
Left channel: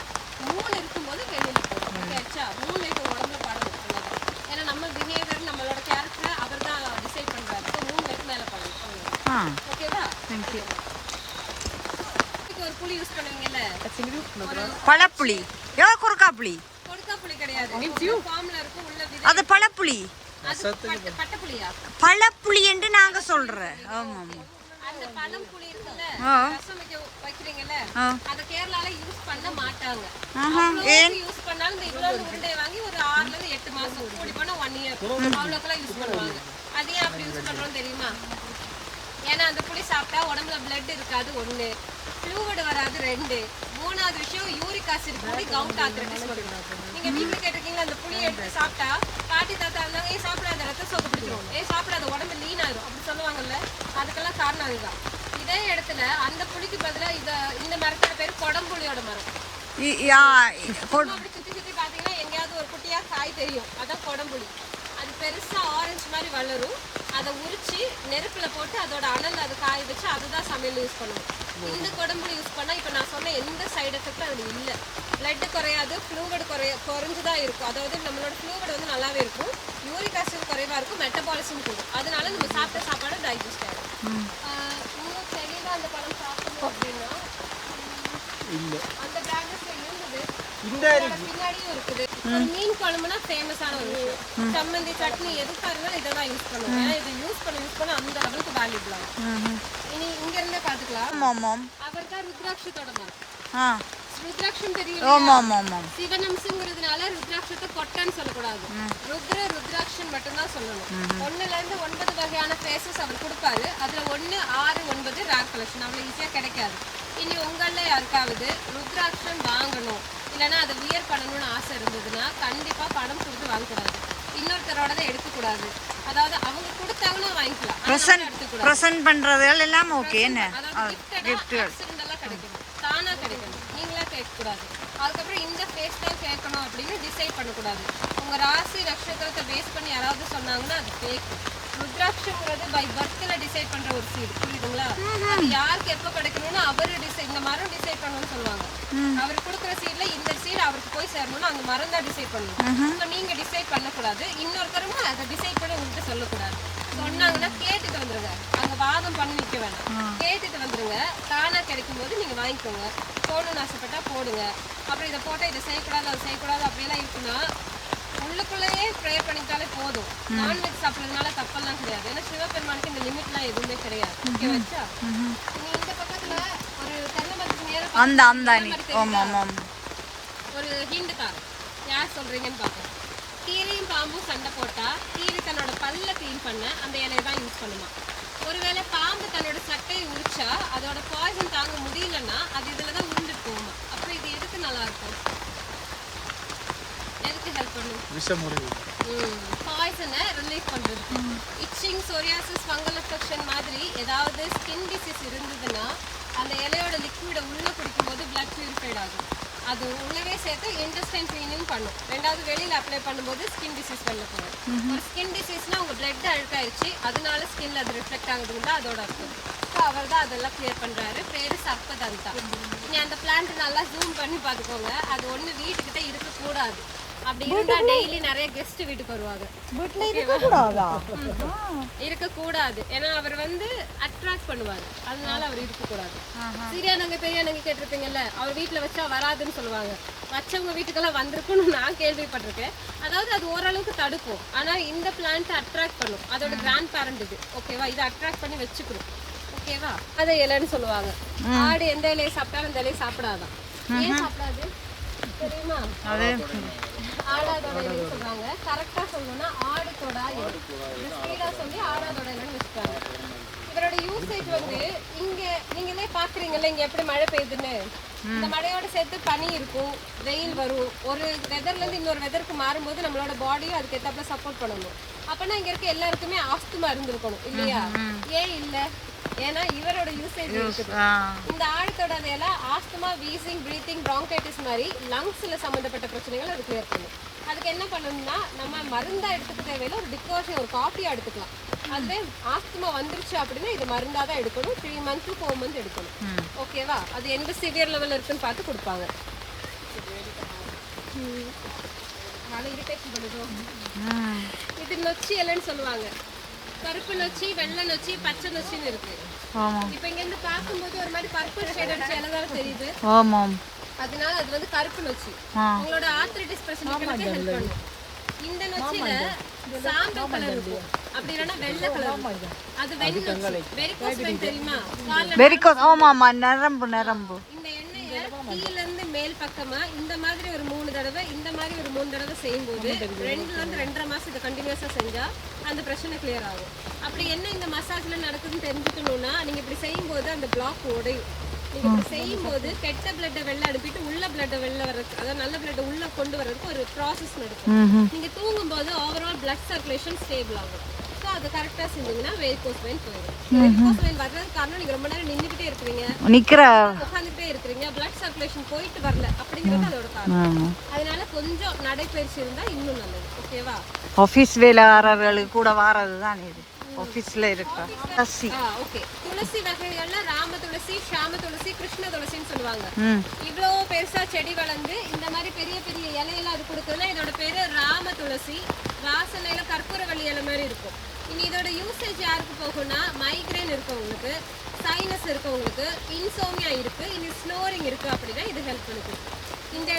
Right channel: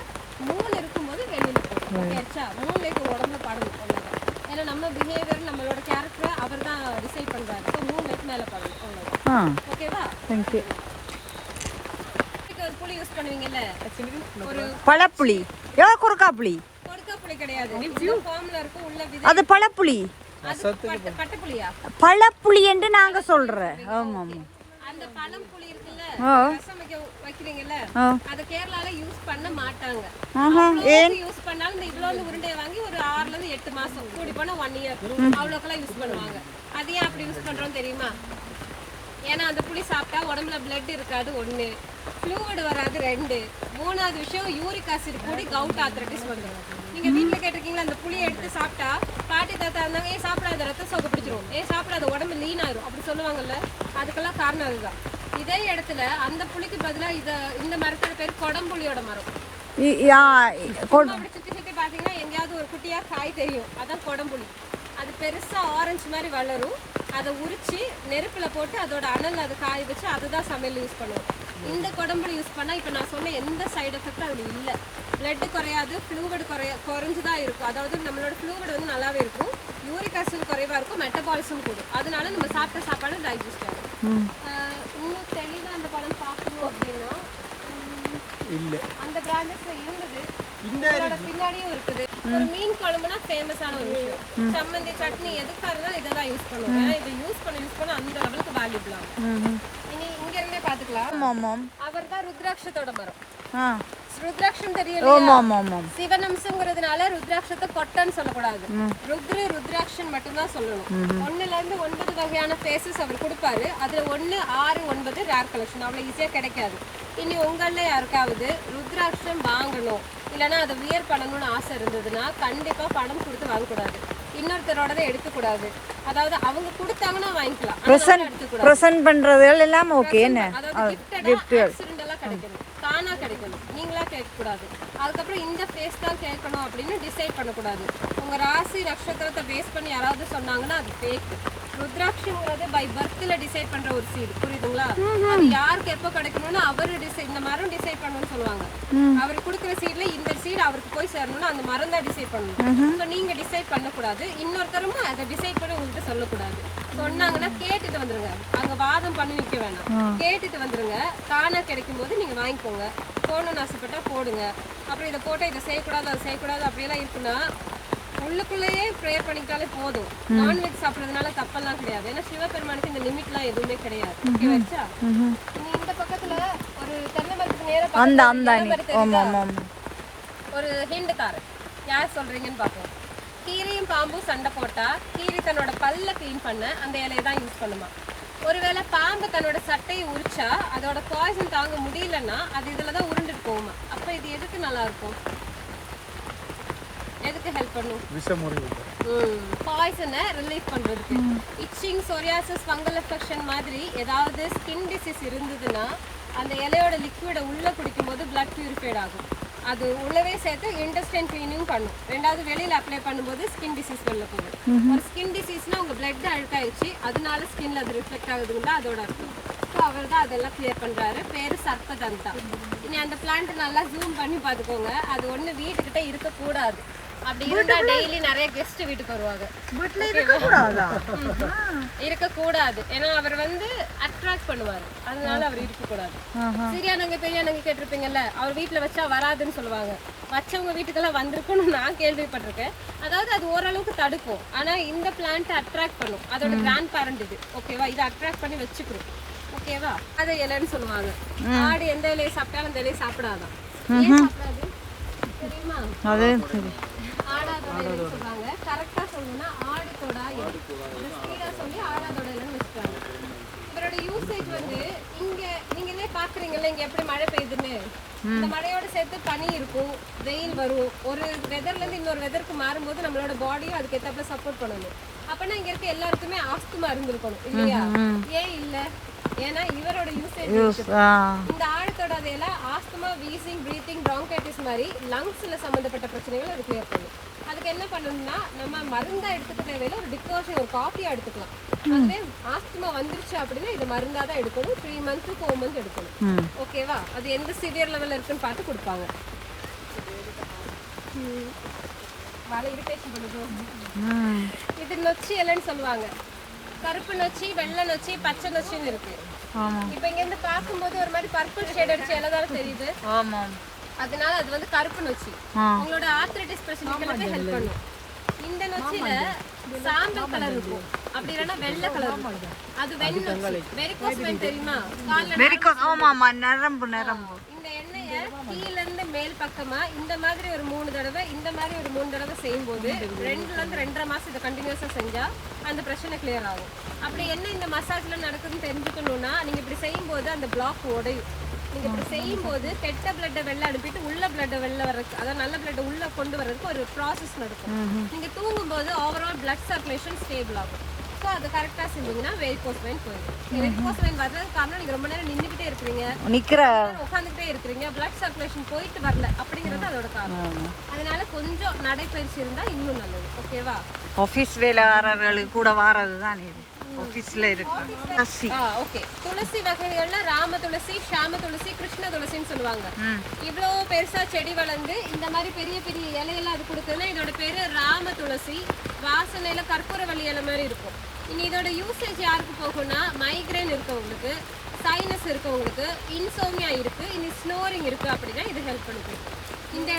3 இருக்கும்போது வெளியில் போகணும். ஓகே ஆச்சா? 3 லைட் உடம்புல படணும். அவ்வளோதான். ஏன்னா நம்ம பிஹேவியர் நம்மளோட கேரக்டரை அவர் தான் டிசைட் பண்ணுறாரு. 3 லைட் மேலே படணும். அவ்வளோதான். ஓகேவா? தேங்க்யூ. ஒரு புளி யூஸ் பண்ணுவீங்கல்ல, ஒரு பழப்புளி, குறுக்காப்புளி, கொடுக்காப்புளி கிடையாது, ஃபார்ம்ல இருக்கும் உள்ள விதை. அது பழப்புளி, அது பட்டப்புளியா? பழப்புளி என்று நாங்க சொல்றோம். ஆமா ஆமா. அந்த பழம் புளி இருக்குல்ல, ரசம் வைக்கிறீங்கல்ல, அத கேரளால யூஸ் பண்ண மாட்டாங்க. ஏன் யூஸ் பண்ணாலும் இந்த இவ்வளவு உருண்டை வாங்கி ஒரு 6 ல இருந்து 8 மாசம் கூடி போனா 1 இயர் அவ்வளோக்கெல்லாம் யூஸ் பண்ணுவாங்க. அது ஏன் அப்படி யூஸ் பண்றோம் தெரியுமா? ஏன்னா அந்த புளி சாப்பிட்டா உடம்புல பிளட் இருக்காது 1, ஃப்ளூயிட் வராது 2, 3வது விஷயம் யூரிக் ஆசிட் கூடி கவுண்ட் ஆர்த்ரைட்டிஸ் வரும். நீங்க வீட்டுல கேட்டிருக்கீங்களா, அந்த புளியை எடுத்து சாப்பிட்டா பாட்டி தாத்தா இருந்தாங்க, சாப்பிடாத ரத்த சோகை பிடிச்சிரும், சாப்பிடாத உடம்பு லீன் ஆயிரும் அப்படி சொல்லுவாங்கல்ல. அதுக்கெல்லாம் காரணம் அதுதான். இதே இடத்துல அந்த புளிக்கு பதிலா இந்த மரத்தோட பேர் கொடம்புளியோட மரம். அப்படி சுத்தி சுத்தி பாத்தீங்கன்னா எங்கேயாவது ஒரு குட்டியா காய் தெரியும், அதான் கொடம்புளி. அது பெருசா ஆரஞ்சு மாதிரி வளரும். அதை உரிச்சு நெருப்புல போட்டு அதோட அனல் அதை காய வச்சு அதுதான் சமையல் யூஸ் பண்ணுவோம். இந்த கொடம்புளி யூஸ் பண்ணா இப்ப நான் சொன்ன எந்த சைடு எஃபெக்டும் அதுல இல்லை. பிளட் குறையாது, ஃப்ளூயிட் குறைஞ்சுதான் இருக்கும். அதாவது நம்மளோட ஃப்ளூயிட் வந்து நல்லாவே இருக்கும், யூரிக் ஆசிட் குறைவா இருக்கும், மெட்டபாலிசம் கூடும். அதனால நம்ம சாப்பிட்ட சாப்பாடு டைஜஸ்ட் ஆகும். இன்னும் தெளிவா அந்த பழம் பார்க்கணும் அப்படின்னா அந்த பிராண்டஸ்ல இருந்தது, பின்னாடியும் இருக்குது. மீன் குழம்புனா ஃபேமஸான ஒரு விஷயம். சம்மந்தி சட்னி எதுக்காக இருந்தாலும் இதை தான் யூஸ் பண்ணுவோம். இது யூஸ் பண்ண அந்த லெவலுக்கு வேல்யூபிள் ஆகும். இனி இங்க இருந்தே பாத்துக்கலாம். அவர் தான் ருத்ராட்சத்தோட மரம். ருத்ராட்சம் தெரியும், சிவனம்சங்கிறதுனால ருத்ராட்சத்தை கொட்டன்னு சொல்லக்கூடாது, ருத்ராட்சம் மட்டும்தான் சொல்லணும். 1 ல இருந்து 9 வகையான ஃபேஸஸ் அவர் கொடுப்பாரு. அதுல 1, 6, 9 ரேர் கலெக்ஷன், அவ்வளவு ஈஸியா கிடைக்காது. இனி உங்கள யாருக்காவது ருத்ராட்சம் வாங்கணும் இல்லைன்னா அதை வியர் பண்ணணும்னு ஆசை இருந்ததுன்னா கண்டிப்பா பணம் கொடுத்து வாங்கக்கூடாது, இன்னொருத்தரோட எடுக்கக்கூடாது. அதாவது அவங்க கொடுத்தாங்கன்னா வாங்கிக்கலாம். பிரசன்ட் பண்றதுகள் எல்லாம் ஓகே என்ன அதோட கிஃப்டடா ஆக்சிடென்டலா கிடைக்கணும், தானா கிடைக்கணும், நீங்களா கேட்க கூடாது. அதுக்கப்புறம் இந்த ஃபேஸ் தான் கேட்கணும் அப்படின்னு டிசைட் பண்ணக்கூடாது. உங்க ராசி நட்சத்திரத்தை பேஸ் பண்ணி யாராவது சொன்னாங்கன்னா அது ஃபேக். ருத்ராட்சங்கிறது பை பர்த்ல டிசைட் பண்ற ஒரு சீட், புரியுதுங்களா? அது யாருக்கு எப்போ கிடைக்கணும்னு அவரு இந்த மரம் டிசைட் பண்ணணும்னு சொல்லுவாங்க. அவர் கொடுக்குற சீட்ல இந்த சீட் அவருக்கு போய் சேரணும்னா அந்த மரம் தான் டிசைட் பண்ணணும். ஸோ நீங்க டிசைட் பண்ணக்கூடாது, இன்னொருத்தரும் அதை டிசைட் பண்ணி உங்ககிட்ட சொல்லக்கூடாது. சொன்னாங்கன்னா கேட்டுட்டு வந்துருங்க, அங்க வாதம் பண்ணி நிக்க வேணாம், கேட்டுட்டு வந்துருங்க. தானா கிடைக்கும் போது நீங்க வாங்கிக்கோங்க, போடணும்னு ஆசைப்பட்டா போடுங்க. அப்புறம் இதை போட்டா இதை செய்யக்கூடாது அது செய்யக்கூடாது அப்படியெல்லாம் இருக்குன்னா உள்ளுக்குள்ளேயே ப்ரேயர் பண்ணிக்கிட்டாலே போதும். நான்வெஜ் சாப்பிட்றதுனால தப்பெல்லாம் கிடையாது. ஏன்னா சிவபெருமானுக்கு இந்த லிமிட்லாம் எதுவுமே கிடையாது. ஓகே வச்சா நீ இந்த பக்கத்துல ஒரு தென்னை மரத்துக்கு நேரம் ஒரு ஹிண்ட் தாரு, யார் சொல்றீங்கன்னு பார்ப்போம். கீரியும் பாம்பும் சண்டை போட்டா கீரி தன்னோட பல்ல கிளீன் பண்ண அந்த இலையை தான் யூஸ் பண்ணுமா. ஒருவேளை பாம்பு தன்னோட சட்டையை உரிச்சா அதோட பாய்சன் தாங்க முடியலன்னா அது இதுலதான் உருண்டுட்டு போகுமா. அப்ப இது எதுக்கு நல்லா இருக்கும், எதுக்கு ஹெல்ப் பண்ணும்? பாய்சனை ரிலீஃப் பண்றதுக்கு. இச்சிங், சொரியாசிஸ், ஃபங்கல் இன்ஃபெக்ஷன் மாதிரி ஏதாவது ஸ்கின் டிசீஸ் இருந்ததுன்னா அந்த இலையோட லிக்விடை உள்ள குடிக்கும்போது பிளட் பியூரிஃபைட் ஆகும். அது உள்ளவே சேர்த்து இன்டெஸ்டைன் கிளீனிங் பண்ணும். ரெண்டாவது வெளியில அப்ளை பண்ணும்போது ஸ்கின் டிசீஸ் வெளில போகும். ஒரு ஸ்கின் டிசீஸ்னா உங்க பிளட் அழுக்காயிருச்சு, அதனால ஸ்கின்ல அது ரிஃப்ளெக்ட் ஆகுதுங்களா அதோட அர்த்தம். ஸோ அவர் தான் அதெல்லாம் கிளியர் பண்றாரு. பேரு சர்ப்பதந்தா. இனி அந்த பிளான்ட் நல்லா ஜூம் பண்ணி பார்த்துக்கோங்க. அது ஒண்ணு வீட்டுக்கிட்ட இருக்கக்கூடாது. அப்படி இருந்தா டெய்லி நிறைய கெஸ்ட் வீட்டுக்கு வருவாங்க. இருக்கக்கூடாது, ஏன்னா அவர் வந்து அட்ராக்ட் பண்ணுவாரு, அதனால அவர் இருக்கக்கூடாது. சிறியானங்க பெரியானங்க கேட்டிருப்பீங்கல்ல, அவர் வீட்டுல வச்சா வராதுன்னு சொல்லுவாங்க. வச்சவங்க வீட்டுக்கெல்லாம் வந்திருக்குன்னு நான் கேள்விப்பட்டிருக்கேன். அதாவது அது ஓரளவுக்கு தடுக்கும், ஆனா இந்த பிளான்ட் அட்ராக்ட் பண்ணும். அதோட கிராண்ட் பேரண்ட் இது, ஓகேவா? இதை அட்ராக்ட் பண்ணி வச்சுக்கணும், ஓகேவா? அதை இலைன்னு சொல்லுவாங்க. ஆடு எந்த இலையை சாப்பிட்டாலும் அந்த இலையை சாப்பிடாதான். ஏன் சாப்பிடாது தெரியுமா? ஆடாதோட இலைன்னு சொல்றாங்க. கரெக்டா சொல்லணும்னா ஆடுதோட ஸ்பீடா சொல்லி ஆடாதோட இலைன்னு வச்சுக்காங்க. இதோட யூசேஜ் வந்து இங்க நீங்களே பாக்குறீங்கல்ல, இங்க எப்படி மழை பெய்யுதுன்னு. இந்த மழையோட சேர்த்து பனி இருக்கும், வெயில் வரும். ஒரு வெதர்ல இருந்து இன்னொரு வெதருக்கு மாறும்போது நம்மளோட பாடியும் அதுக்கு ஏத்தாப்புல சப்போர்ட் பண்ணணும். அப்பனா இங்க இருக்க எல்லாருக்குமே ஆஸ்துமா இருந்திருக்கணும் இல்லையா? ஏன் இல்ல? ஏன்னா இவரோட யூசேஜ் இந்த ஆழத்தோட அதெல்லாம் ஆஸ்துமா, வீசிங், பிரீத்திங், பிராங்கைட்டிஸ் மாதிரி லங்ஸ்ல சம்பந்தப்பட்ட பிரச்சனைகள் அது கிளியர் பண்ணும். அதுக்கு என்ன பண்ணணும்னா நம்ம மருந்தா எடுத்துக்க தேவையில்ல, ஒரு டிகாஷன், ஒரு காஃபியா எடுத்துக்கலாம். அதுவே ஆஸ்துமா வந்துருச்சு அப்படின்னா இது மருந்தா தான் எடுக்கணும். 3 months to 4 months எடுக்கணும், ஓகேவா? அது எந்த சிவியர் லெவல்ல இருக்குன்னு பார்த்து கொடுப்பாங்க. மழை இரிட்டேஷன் பண்ணுது. இது நொச்சி இலைன்னு சொல்லுவாங்க. கருப்பு நொச்சி, வெள்ளை நொச்சி, பச்சை நொச்சின்னு இருக்கு. இப்ப இங்க இருந்து பார்க்கும்போது ஒரு மாதிரி பர்பிள் ஷேட் அடிச்சு எல்லாரும் தெரியுது. அதனால அது வந்து கருப்பு நொச்சி. உங்களோட ஆர்த்ரைட்டிஸ் பிரச்சனைகளுக்கு ஹெல்ப் பண்ணும். இந்த நொச்சில சாம்பல் கலர் இருக்கும், அப்படி இல்லைன்னா வெள்ளை கலர் இருக்கும். அது வெண் நொச்சி. வெரிகோஸ் வெயின் தெரியுமா? நரம்பு. இந்த எண்ணெயை கீழ இருந்து மேல் பக்கமா இந்த மாதிரி ஒரு 3 தடவை, இந்த மாதிரி ஒரு 3 தடவை செய்யும் போது 2ல இருந்து 2.5 மாசம் இதை கண்டினியூஸா செஞ்சா அந்த பிரச்சனை கிளியர் ஆகும். அப்படி என்ன இந்த மசாஜ்ல நடக்குதுன்னு தெரிஞ்சுக்கணும்னா நீங்க இப்படி செய்யும் போது அந்த பிளாக் உடையும். நீங்க இப்படி செய்யும் போது கெட்ட பிளட்டை வெளில அனுப்பிட்டு உள்ள பிளட்டை வெளில வர்றதுக்கு, அதாவது நல்ல பிளட்டை உள்ள கொண்டு வர்றதுக்கு ஒரு ப்ராசஸ் நடக்கும். நீங்க தூங்கும் போது ஓவரால் பிளட் சர்க்குலேஷன் ஸ்டேபிள் ஆகும். ஸோ அதை கரெக்டா செஞ்சீங்கன்னா வெரிகோஸ் வெயின் போயிடும். வெரிகோஸ் வெயின் வர்றதுக்கு காரணம் நீங்க ரொம்ப நேரம் நின்றுகிட்டே இருக்கிறீங்க, உட்காந்துக்கிட்டே இருக்கிறீங்க, பிளட் சர்க்குலேஷன் போயிட்டு வரல அப்படிங்கிறது அதோட காரணம். அதனால கொஞ்சம் நடைப்பயிற்சி இருந்தா இன்னும் நல்லது, ஓகேவா? ஆபீஸ் வேலைக்காரர்களுக்கு கூட வாரதுதான் இது. ஆபீஸ்ல இருக்கு ஓகே. துளசி வகைகள்ல ராம துளசி, ஷாம துளசி, கிருஷ்ண துளசின்னு சொல்லுவாங்க. இவ்வளவு பெருசா செடி வளர்ந்து இந்த மாதிரி பெரிய பெரிய இலையெல்லாம் அது கொடுக்குதுன்னா இதோட பேரு ராம துளசி. வாசனையில கற்பூரவள்ளி இலை மாதிரி இருக்கும். இனி இதோட யூசேஜ் யாருக்கு போகும்னா மைக்ரேன் இருக்கவங்களுக்கு, சைனஸ் இருக்கவங்களுக்கு, இன்சோமியா இருக்கு, இனி ஸ்னோரிங் இருக்கு அப்படின்னா இது ஹெல்ப் பண்ணிக்கும். இந்த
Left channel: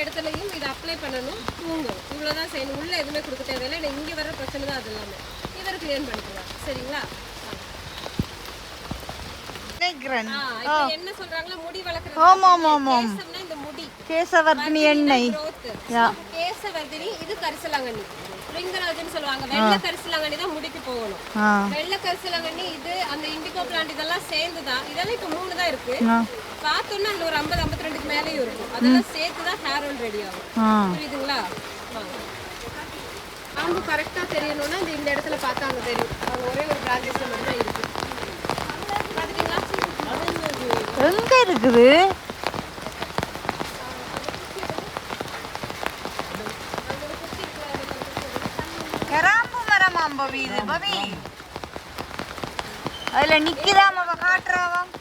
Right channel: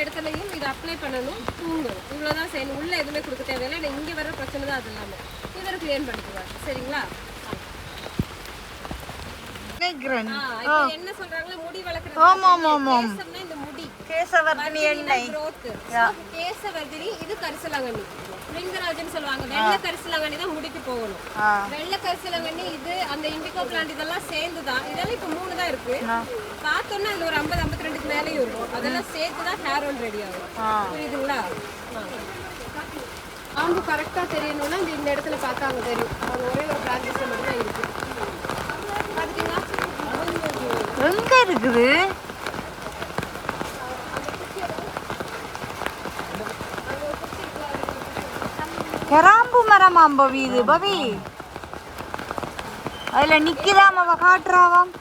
இடத்துலையும் இதை அப்ளை பண்ணணும், தூங்கணும், இவ்வளவுதான் செய்யணும். உள்ள எதுவுமே கொடுக்க தேவையில்லை. இங்க வர பிரச்சனை தான் அது எல்லாமே. இவர் கிளியர் பண்ணிக்குவார், சரிங்களா? என்ன சொல்றாங்களா, முடி வளர்க்கறது. இந்த முடி கேசவர்தினி எண்ணெய், கேசவர்தினி. இது கரிசலாங்கண்ணி, லிங்கராஜன் சொல்லுவாங்க. வெள்ளை கரிசலாங்கண்ணி தான் முடிக்கு போகணும். வெள்ளை கரிசலாங்கண்ணி இது அந்த இண்டிகோ பிளான்ட் இதெல்லாம் சேர்ந்துதான். இதெல்லாம் இப்ப 3 தான் இருக்கு. பார்த்தோம்னா அதுல ஒரு 50-52க்கு மேலேயும் இருக்கும். அதெல்லாம் சேர்த்துதான் ஹேர் ஆயில் ரெடி ஆகும், புரியுதுங்களா? கிராம்பு கரெக்டா தெரியணும்னா இந்த இடத்துல பார்த்தாங்க தெரியும். அது ஒரே ஒரு பிரான்ச்சஸ்ல மட்டும் தான் இருக்கு. பாத்தீங்களா? எங்க இருக்குது? கிராம்பு மரமாம் பவி இது. பவி அதுல நிக்கிறாம அவ காட்டுறாவாம்.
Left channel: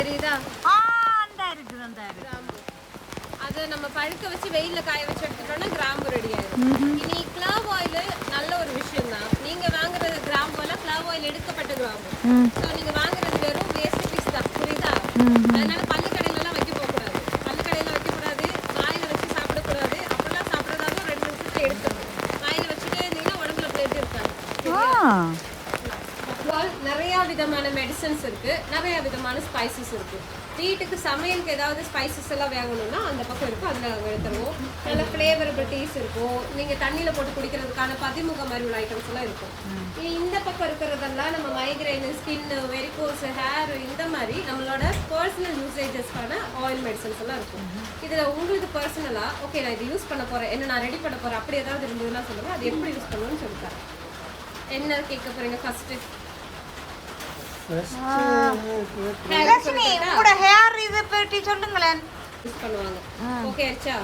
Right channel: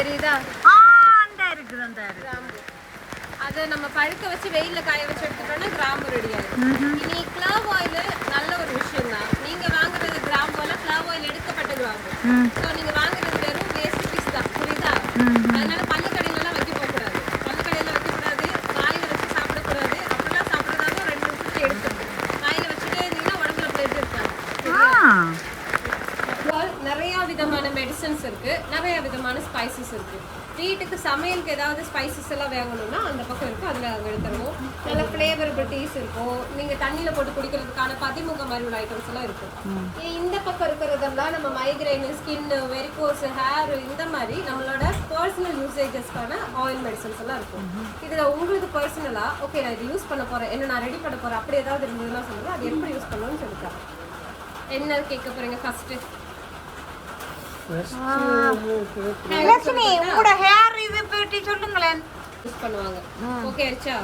தெரியுதா? அந்த இருக்குது அந்த அதை நம்ம பழுக்க வச்சு வெயில்ல காய வச்சு எடுத்துட்டோம்னா கிராம்பு ரெடி ஆயிடும். இனி கிளாவ் ஆயில் நல்ல ஒரு விஷயம் தான். நீங்க வாங்குறது கிராம்புல கிளாவ் ஆயில் எடுக்கப்பட்ட கிராம்பு. ஸோ நீங்க வாங்குறது வெறும் வேஸ்ட் பீஸ் தான். புரியுதா? அதனால பல்லு கடையிலலாம் வைக்க போகக்கூடாது. பல்லு கடையில வைக்கக்கூடாது. வாயில வச்சு சாப்பிடக்கூடாது. அப்படிலாம் சாப்பிட்றதாலும் 2 நிமிஷத்துக்கு எடுத்துடும். வாயில வச்சுட்டே இருந்தீங்கன்னா உடம்புல பிளட் இருக்காது. நிறைய விதமான மெடிசன்ஸ் இருக்கு, நிறைய விதமான ஸ்பைசஸ் இருக்கு. வீட்டுக்கு சமையலுக்கு ஏதாவது ஸ்பைசஸ் எல்லாம் வேகணும்னா அந்த பக்கம் இருக்கும், அதுல அங்கே எடுத்துருவோம். நல்ல ஃபிளேவரபிள் டீஸ் இருக்கும். நீங்க தண்ணியில போட்டு குடிக்கிறதுக்கான பதிமுக மாதிரி உள்ள ஐட்டம்ஸ் எல்லாம் இருக்கும். இந்த பக்கம் இருக்கிறதெல்லாம் நம்ம மைக்ரைன், ஸ்கின், வெரிகோஸ், ஹேர், இந்த மாதிரி நம்மளோட பர்சனல் யூசேஜஸ்க்கான ஆயில் மெடிசன்ஸ் எல்லாம் இருக்கும். இதுல உங்களுக்கு பர்சனலா ஓகே நான் இது யூஸ் பண்ண போறேன், என்ன நான் ரெடி பண்ண போறேன், அப்படி ஏதாவது இருந்ததுன்னா சொல்லுங்க. அது எப்படி யூஸ் பண்ணணும்னு சொல்லிட்டேன். என்ன கேட்க போறீங்க ஃபர்ஸ்ட்? லட்சுமி உங்களோட ஹேர் இதை பற்றி சொல்லுங்களேன். யூஸ் பண்ணுவாங்க. ஓகே ஆச்சா?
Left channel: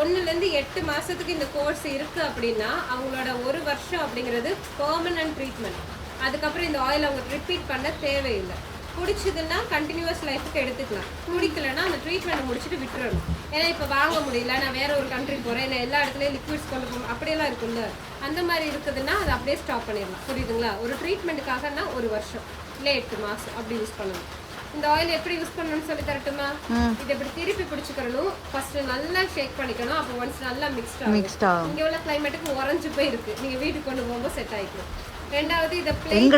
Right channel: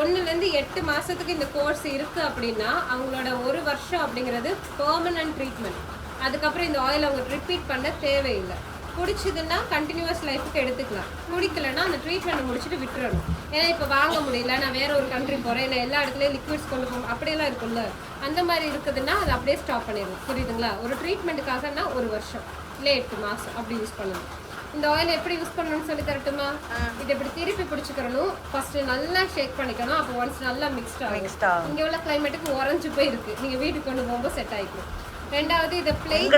1லேருந்து 8 மாசத்துக்கு இந்த கோர்ஸ் இருக்கு அப்படின்னா அவங்களோட 1 வருஷம் அப்படிங்கிறது பெர்மனன்ட் ட்ரீட்மெண்ட். அதுக்கப்புறம் இந்த ஆயில் அவங்க ரிப்பீட் பண்ண தேவையில்லை. குடிச்சதுன்னா கண்டினியூஸ் லைஃபுக்கு எடுத்துக்கலாம். குடிக்கலன்னா அந்த ட்ரீட்மெண்ட் முடிச்சுட்டு விட்டுறணும். ஏன்னா இப்போ வாங்க முடியல, நான் வேற ஒரு கண்ட்ரி போறேன், நான் எல்லா இடத்துலயும் லிக்விட்ஸ் கொண்டு போகணும், அப்படியெல்லாம் இருக்குல்ல, அந்த மாதிரி இருக்குதுன்னா அதை அப்படியே ஸ்டாப் பண்ணிடலாம். புரியுதுங்களா? ஒரு ட்ரீட்மெண்ட்டுக்காகனா 1 வருஷம் இல்லை 8 மாசம் அப்படி யூஸ் பண்ணணும். இந்த ஆயில் எப்படி யூஸ் பண்ணணும்னு சொல்லி தரட்டுமா? இதை இப்படி திருப்பி பிடிச்சிக்கிறணும். ஃபர்ஸ்ட் நல்லா ஷேக் பண்ணிக்கணும். அப்போ ஒன்ஸ் நல்லா மிக்ஸ்ட் ஆகும். இங்க உள்ள கிளைமேட்டுக்கு உறைஞ்சு போய் இருக்கு, நீங்க வீட்டுக்கு கொண்டு போகும்போது செட் ஆயிக்கும். ரெண்டாவது இத பிளேட்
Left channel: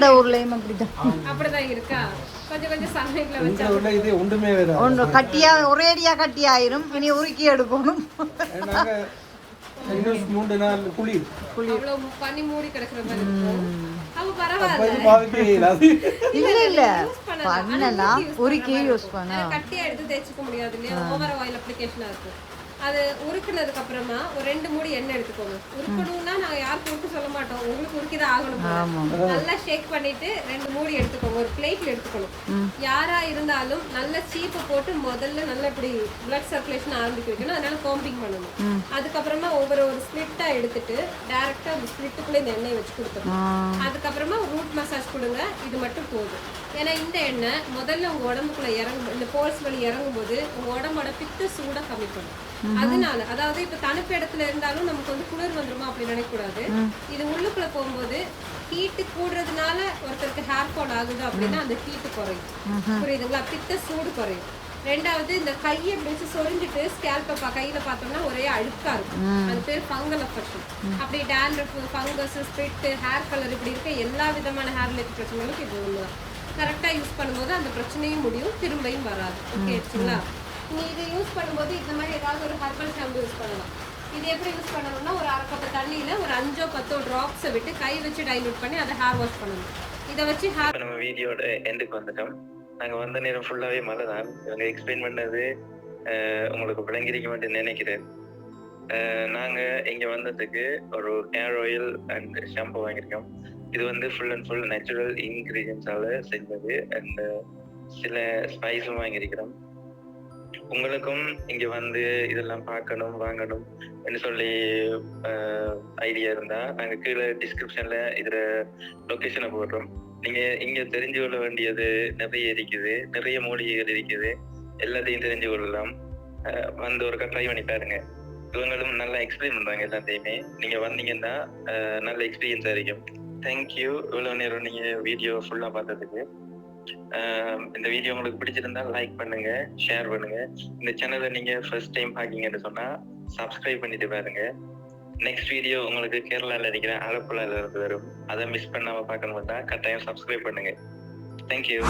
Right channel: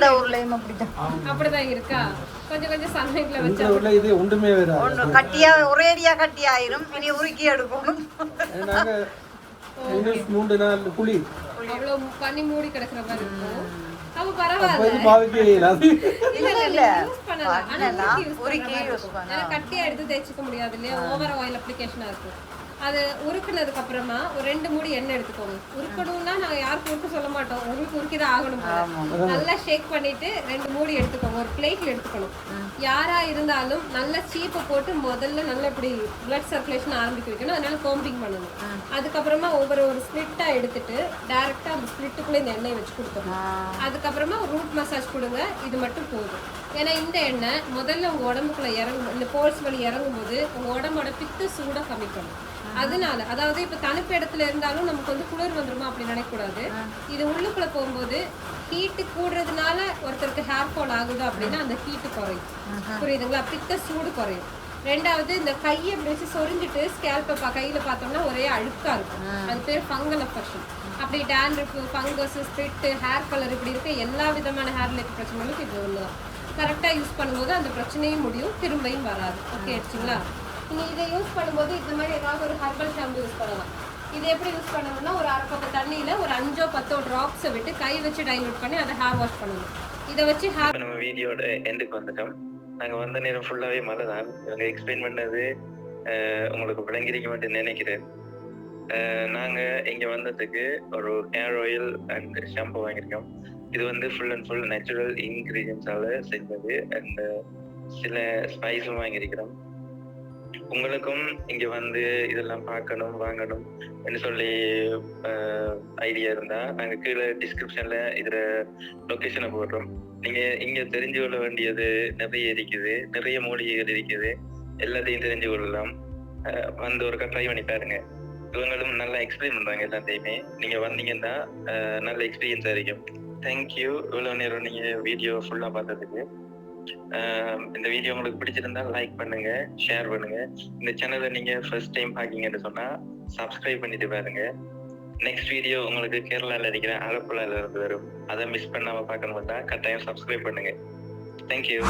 அப்படிதான் இருக்கா, கொஞ்சம் கொஞ்சம் சன்லைட்ல வச்சா இது ஒண்ணுமே வராது. ஒன்று கட்டியா ஒரேடியா கட்டி ஆயிரும். இனி உருக்கி எடுக்கணும். அவ்வளவு பனி மூடி கிடக்குற மாதிரி இருக்கும். அப்ப பரவாயில்ல, யூஸ் பண்ணலாம். ஆனா கட்டியா எடுத்து தேய்ச்சிக்க முடியாது இல்லையா, ஓவர் ஆயில் அப்ளிகேஷனா இருக்கு. அது உருக்குனதுக்கு அப்புறமா ஒரு 2 மூடி எண்ணெய் எடுத்துக்கோங்க. உருக்கணும்னா நாங்க யாருக்கும் உருக்க சொல்ல மாட்டோம், உங்களுக்கு உருக்கிதான் ஆகணும் போல. நல்லா ஷேக் பண்ணிட்டு 2 மூடி எடுத்துக்கோங்க. ஒரு பிளேட்ல எடுத்துக்கணும். யாரா இருந்தாலும் நல்ல சீப்பை போட்டு முதல்ல நல்லா இப்படி பிளட் சர்க்குலேஷன் ஆரம்பிக்க வைக்கணும். அதனால கோம்பிங் பண்ணணும். அதுக்கப்புறமா ஒரு ஸ்பிளிட்டா எடுத்துட்டு டைரக்டா அந்த ஸ்பிளிட்டுக்குள்ள இந்த எண்ணெய் வச்சு கொடுத்துடணும். அதுக்கப்புறமா ரூட் மசாஜ் கொடுங்க. இது மட்டும் போதும். ஏன்னா இந்த எண்ணெய் முதல்ல உங்க உடம்புக்குள்ள இறங்கும், இந்த போல்ஸ் வழி இறங்கும் போது உங்க உடம்போட பித்த சூட கம்மி பண்ணும். அதனால அதாவது இப்ப தணுப்பு இடத்துல இருந்தாலும் நமக்கு வந்து குளிர் வந்துருமா அப்படி நினைக்கக்கூடாது. இது உள்ளுக்குள்ள போகும்போது ஹீட்டு கூடுறதுனால ஒருத்தருக்கு ஹேர் ஃபால் ஆகுது அப்படின்னா அந்த ஹீட்டு குறையும். புரியுதுங்களா? பித்த சூடு குறையும். ரெண்டாவது இந்த கையை இப்படி வச்சு சொரிஞ்சிட்டு ஸ்கேல்பை கையில பார்த்தோம்னா ஒரே அழுக்கா இருக்கும். அது பேர் ஃபங்கல் அஃபெக்ஷன். அப்படி dandruff, fungus, spirit, hair colour இப்படி இருக்க எல்லா விதமான ஹேர் ரிலேட்டட் பிரச்சனைகளுக்கும் இது ஒண்ணுதான். கரெக்டா யூஸ் பண்ணும்போது அந்த பிரச்சனையும் முடியும், திரும்பியும் வராது. ஓகே ஆச்சுங்களா? நீங்க இதை யூஸ் பண்ணும்போது இந்த மாதிரி ஏதாவது ஒரு ஹெர்பல் ஷாம்பு யூஸ் பண்ணலாம். இது எப்படி யூஸ் பண்ணணும்னா ஒரு 1/2 கப் தண்ணியில ஒரு 5-10 டிராப்ஸை விட்டு கை வச்சு டைலூட் பண்ணி அதை ஹேர் வாஷ் பண்ணணும். இதை வச்சு ஹேர் நம்ம வீடியோட எண்டுக்கு வந்துட்டோம். நாங்க வந்த நேரம் ஃபுல்லாவே மழை தான். இவங்க எக்ஸ்பிளைன் பண்ணது உங்களுக்கு விளங்கிருக்க மாட்டேன்னு நினைக்கிறேன். நாங்க இங்க வந்ததுக்கு ஒரு ஹேர் ஆயில் அண்ட் ஷாம்பு வாங்கியிருக்கோம். இது வந்து ஃபுல் அண்ட் ஃபுல் நேச்சுரல் இன்கிரீடியன்ஸால செஞ்சது. அண்ட் சில ஸ்பைஸும் வாங்கியிருக்கிறோம். உங்களுக்கும் இங்க வந்து இதெல்லாம் பார்க்கணும் வாங்கணும் என்று சொல்லி ஐடியா இருந்தா நாங்க கீழே டிஸ்கிரிப்ஷன்ல இதுல லொகேஷனை போடுறோம். நீங்க இங்க தெரிஞ்சு கொள்ள வேண்டியது நிறைய இருக்குது, நிறைய மூலிகைகள் இருக்குது, எல்லாத்தையும் தெரிஞ்சு கொள்ளலாம். வந்து ஒரு ட்ரை பண்ணி பாருங்க. இவங்களும் நல்லா எக்ஸ்பிளைன் பண்றாங்க எல்லாத்தையுமே. நீங்க வந்தீங்கன்னா நல்ல எக்ஸ்பீரியன்ஸா இருக்கும். தேங்க்யூ இவ்வளவு நேரம் நீங்க வீடியோ ஃபுல்லா பார்த்ததுக்கு. இந்த வீடியோ உங்களுக்கு பிடிச்சிருந்தா லைக் பண்ணுங்க, ஷேர் பண்ணுங்க. இந்த சேனலை நீங்க ஃபர்ஸ்ட் டைம் பாக்கீங்கன்னு சொன்னா சப்ஸ்கிரைப் பண்ணிட்டு பாருங்க. நெக்ஸ்ட் வீடியோ உங்களுக்கு கேரளால இருக்கிற ஆலப்புழால இருந்து வரும். அதை மிஸ் பண்ணாம பார்க்கணும்னா கட்டாயம் சப்ஸ்கிரைப் பண்ணுங்க. தேங்க்யூ.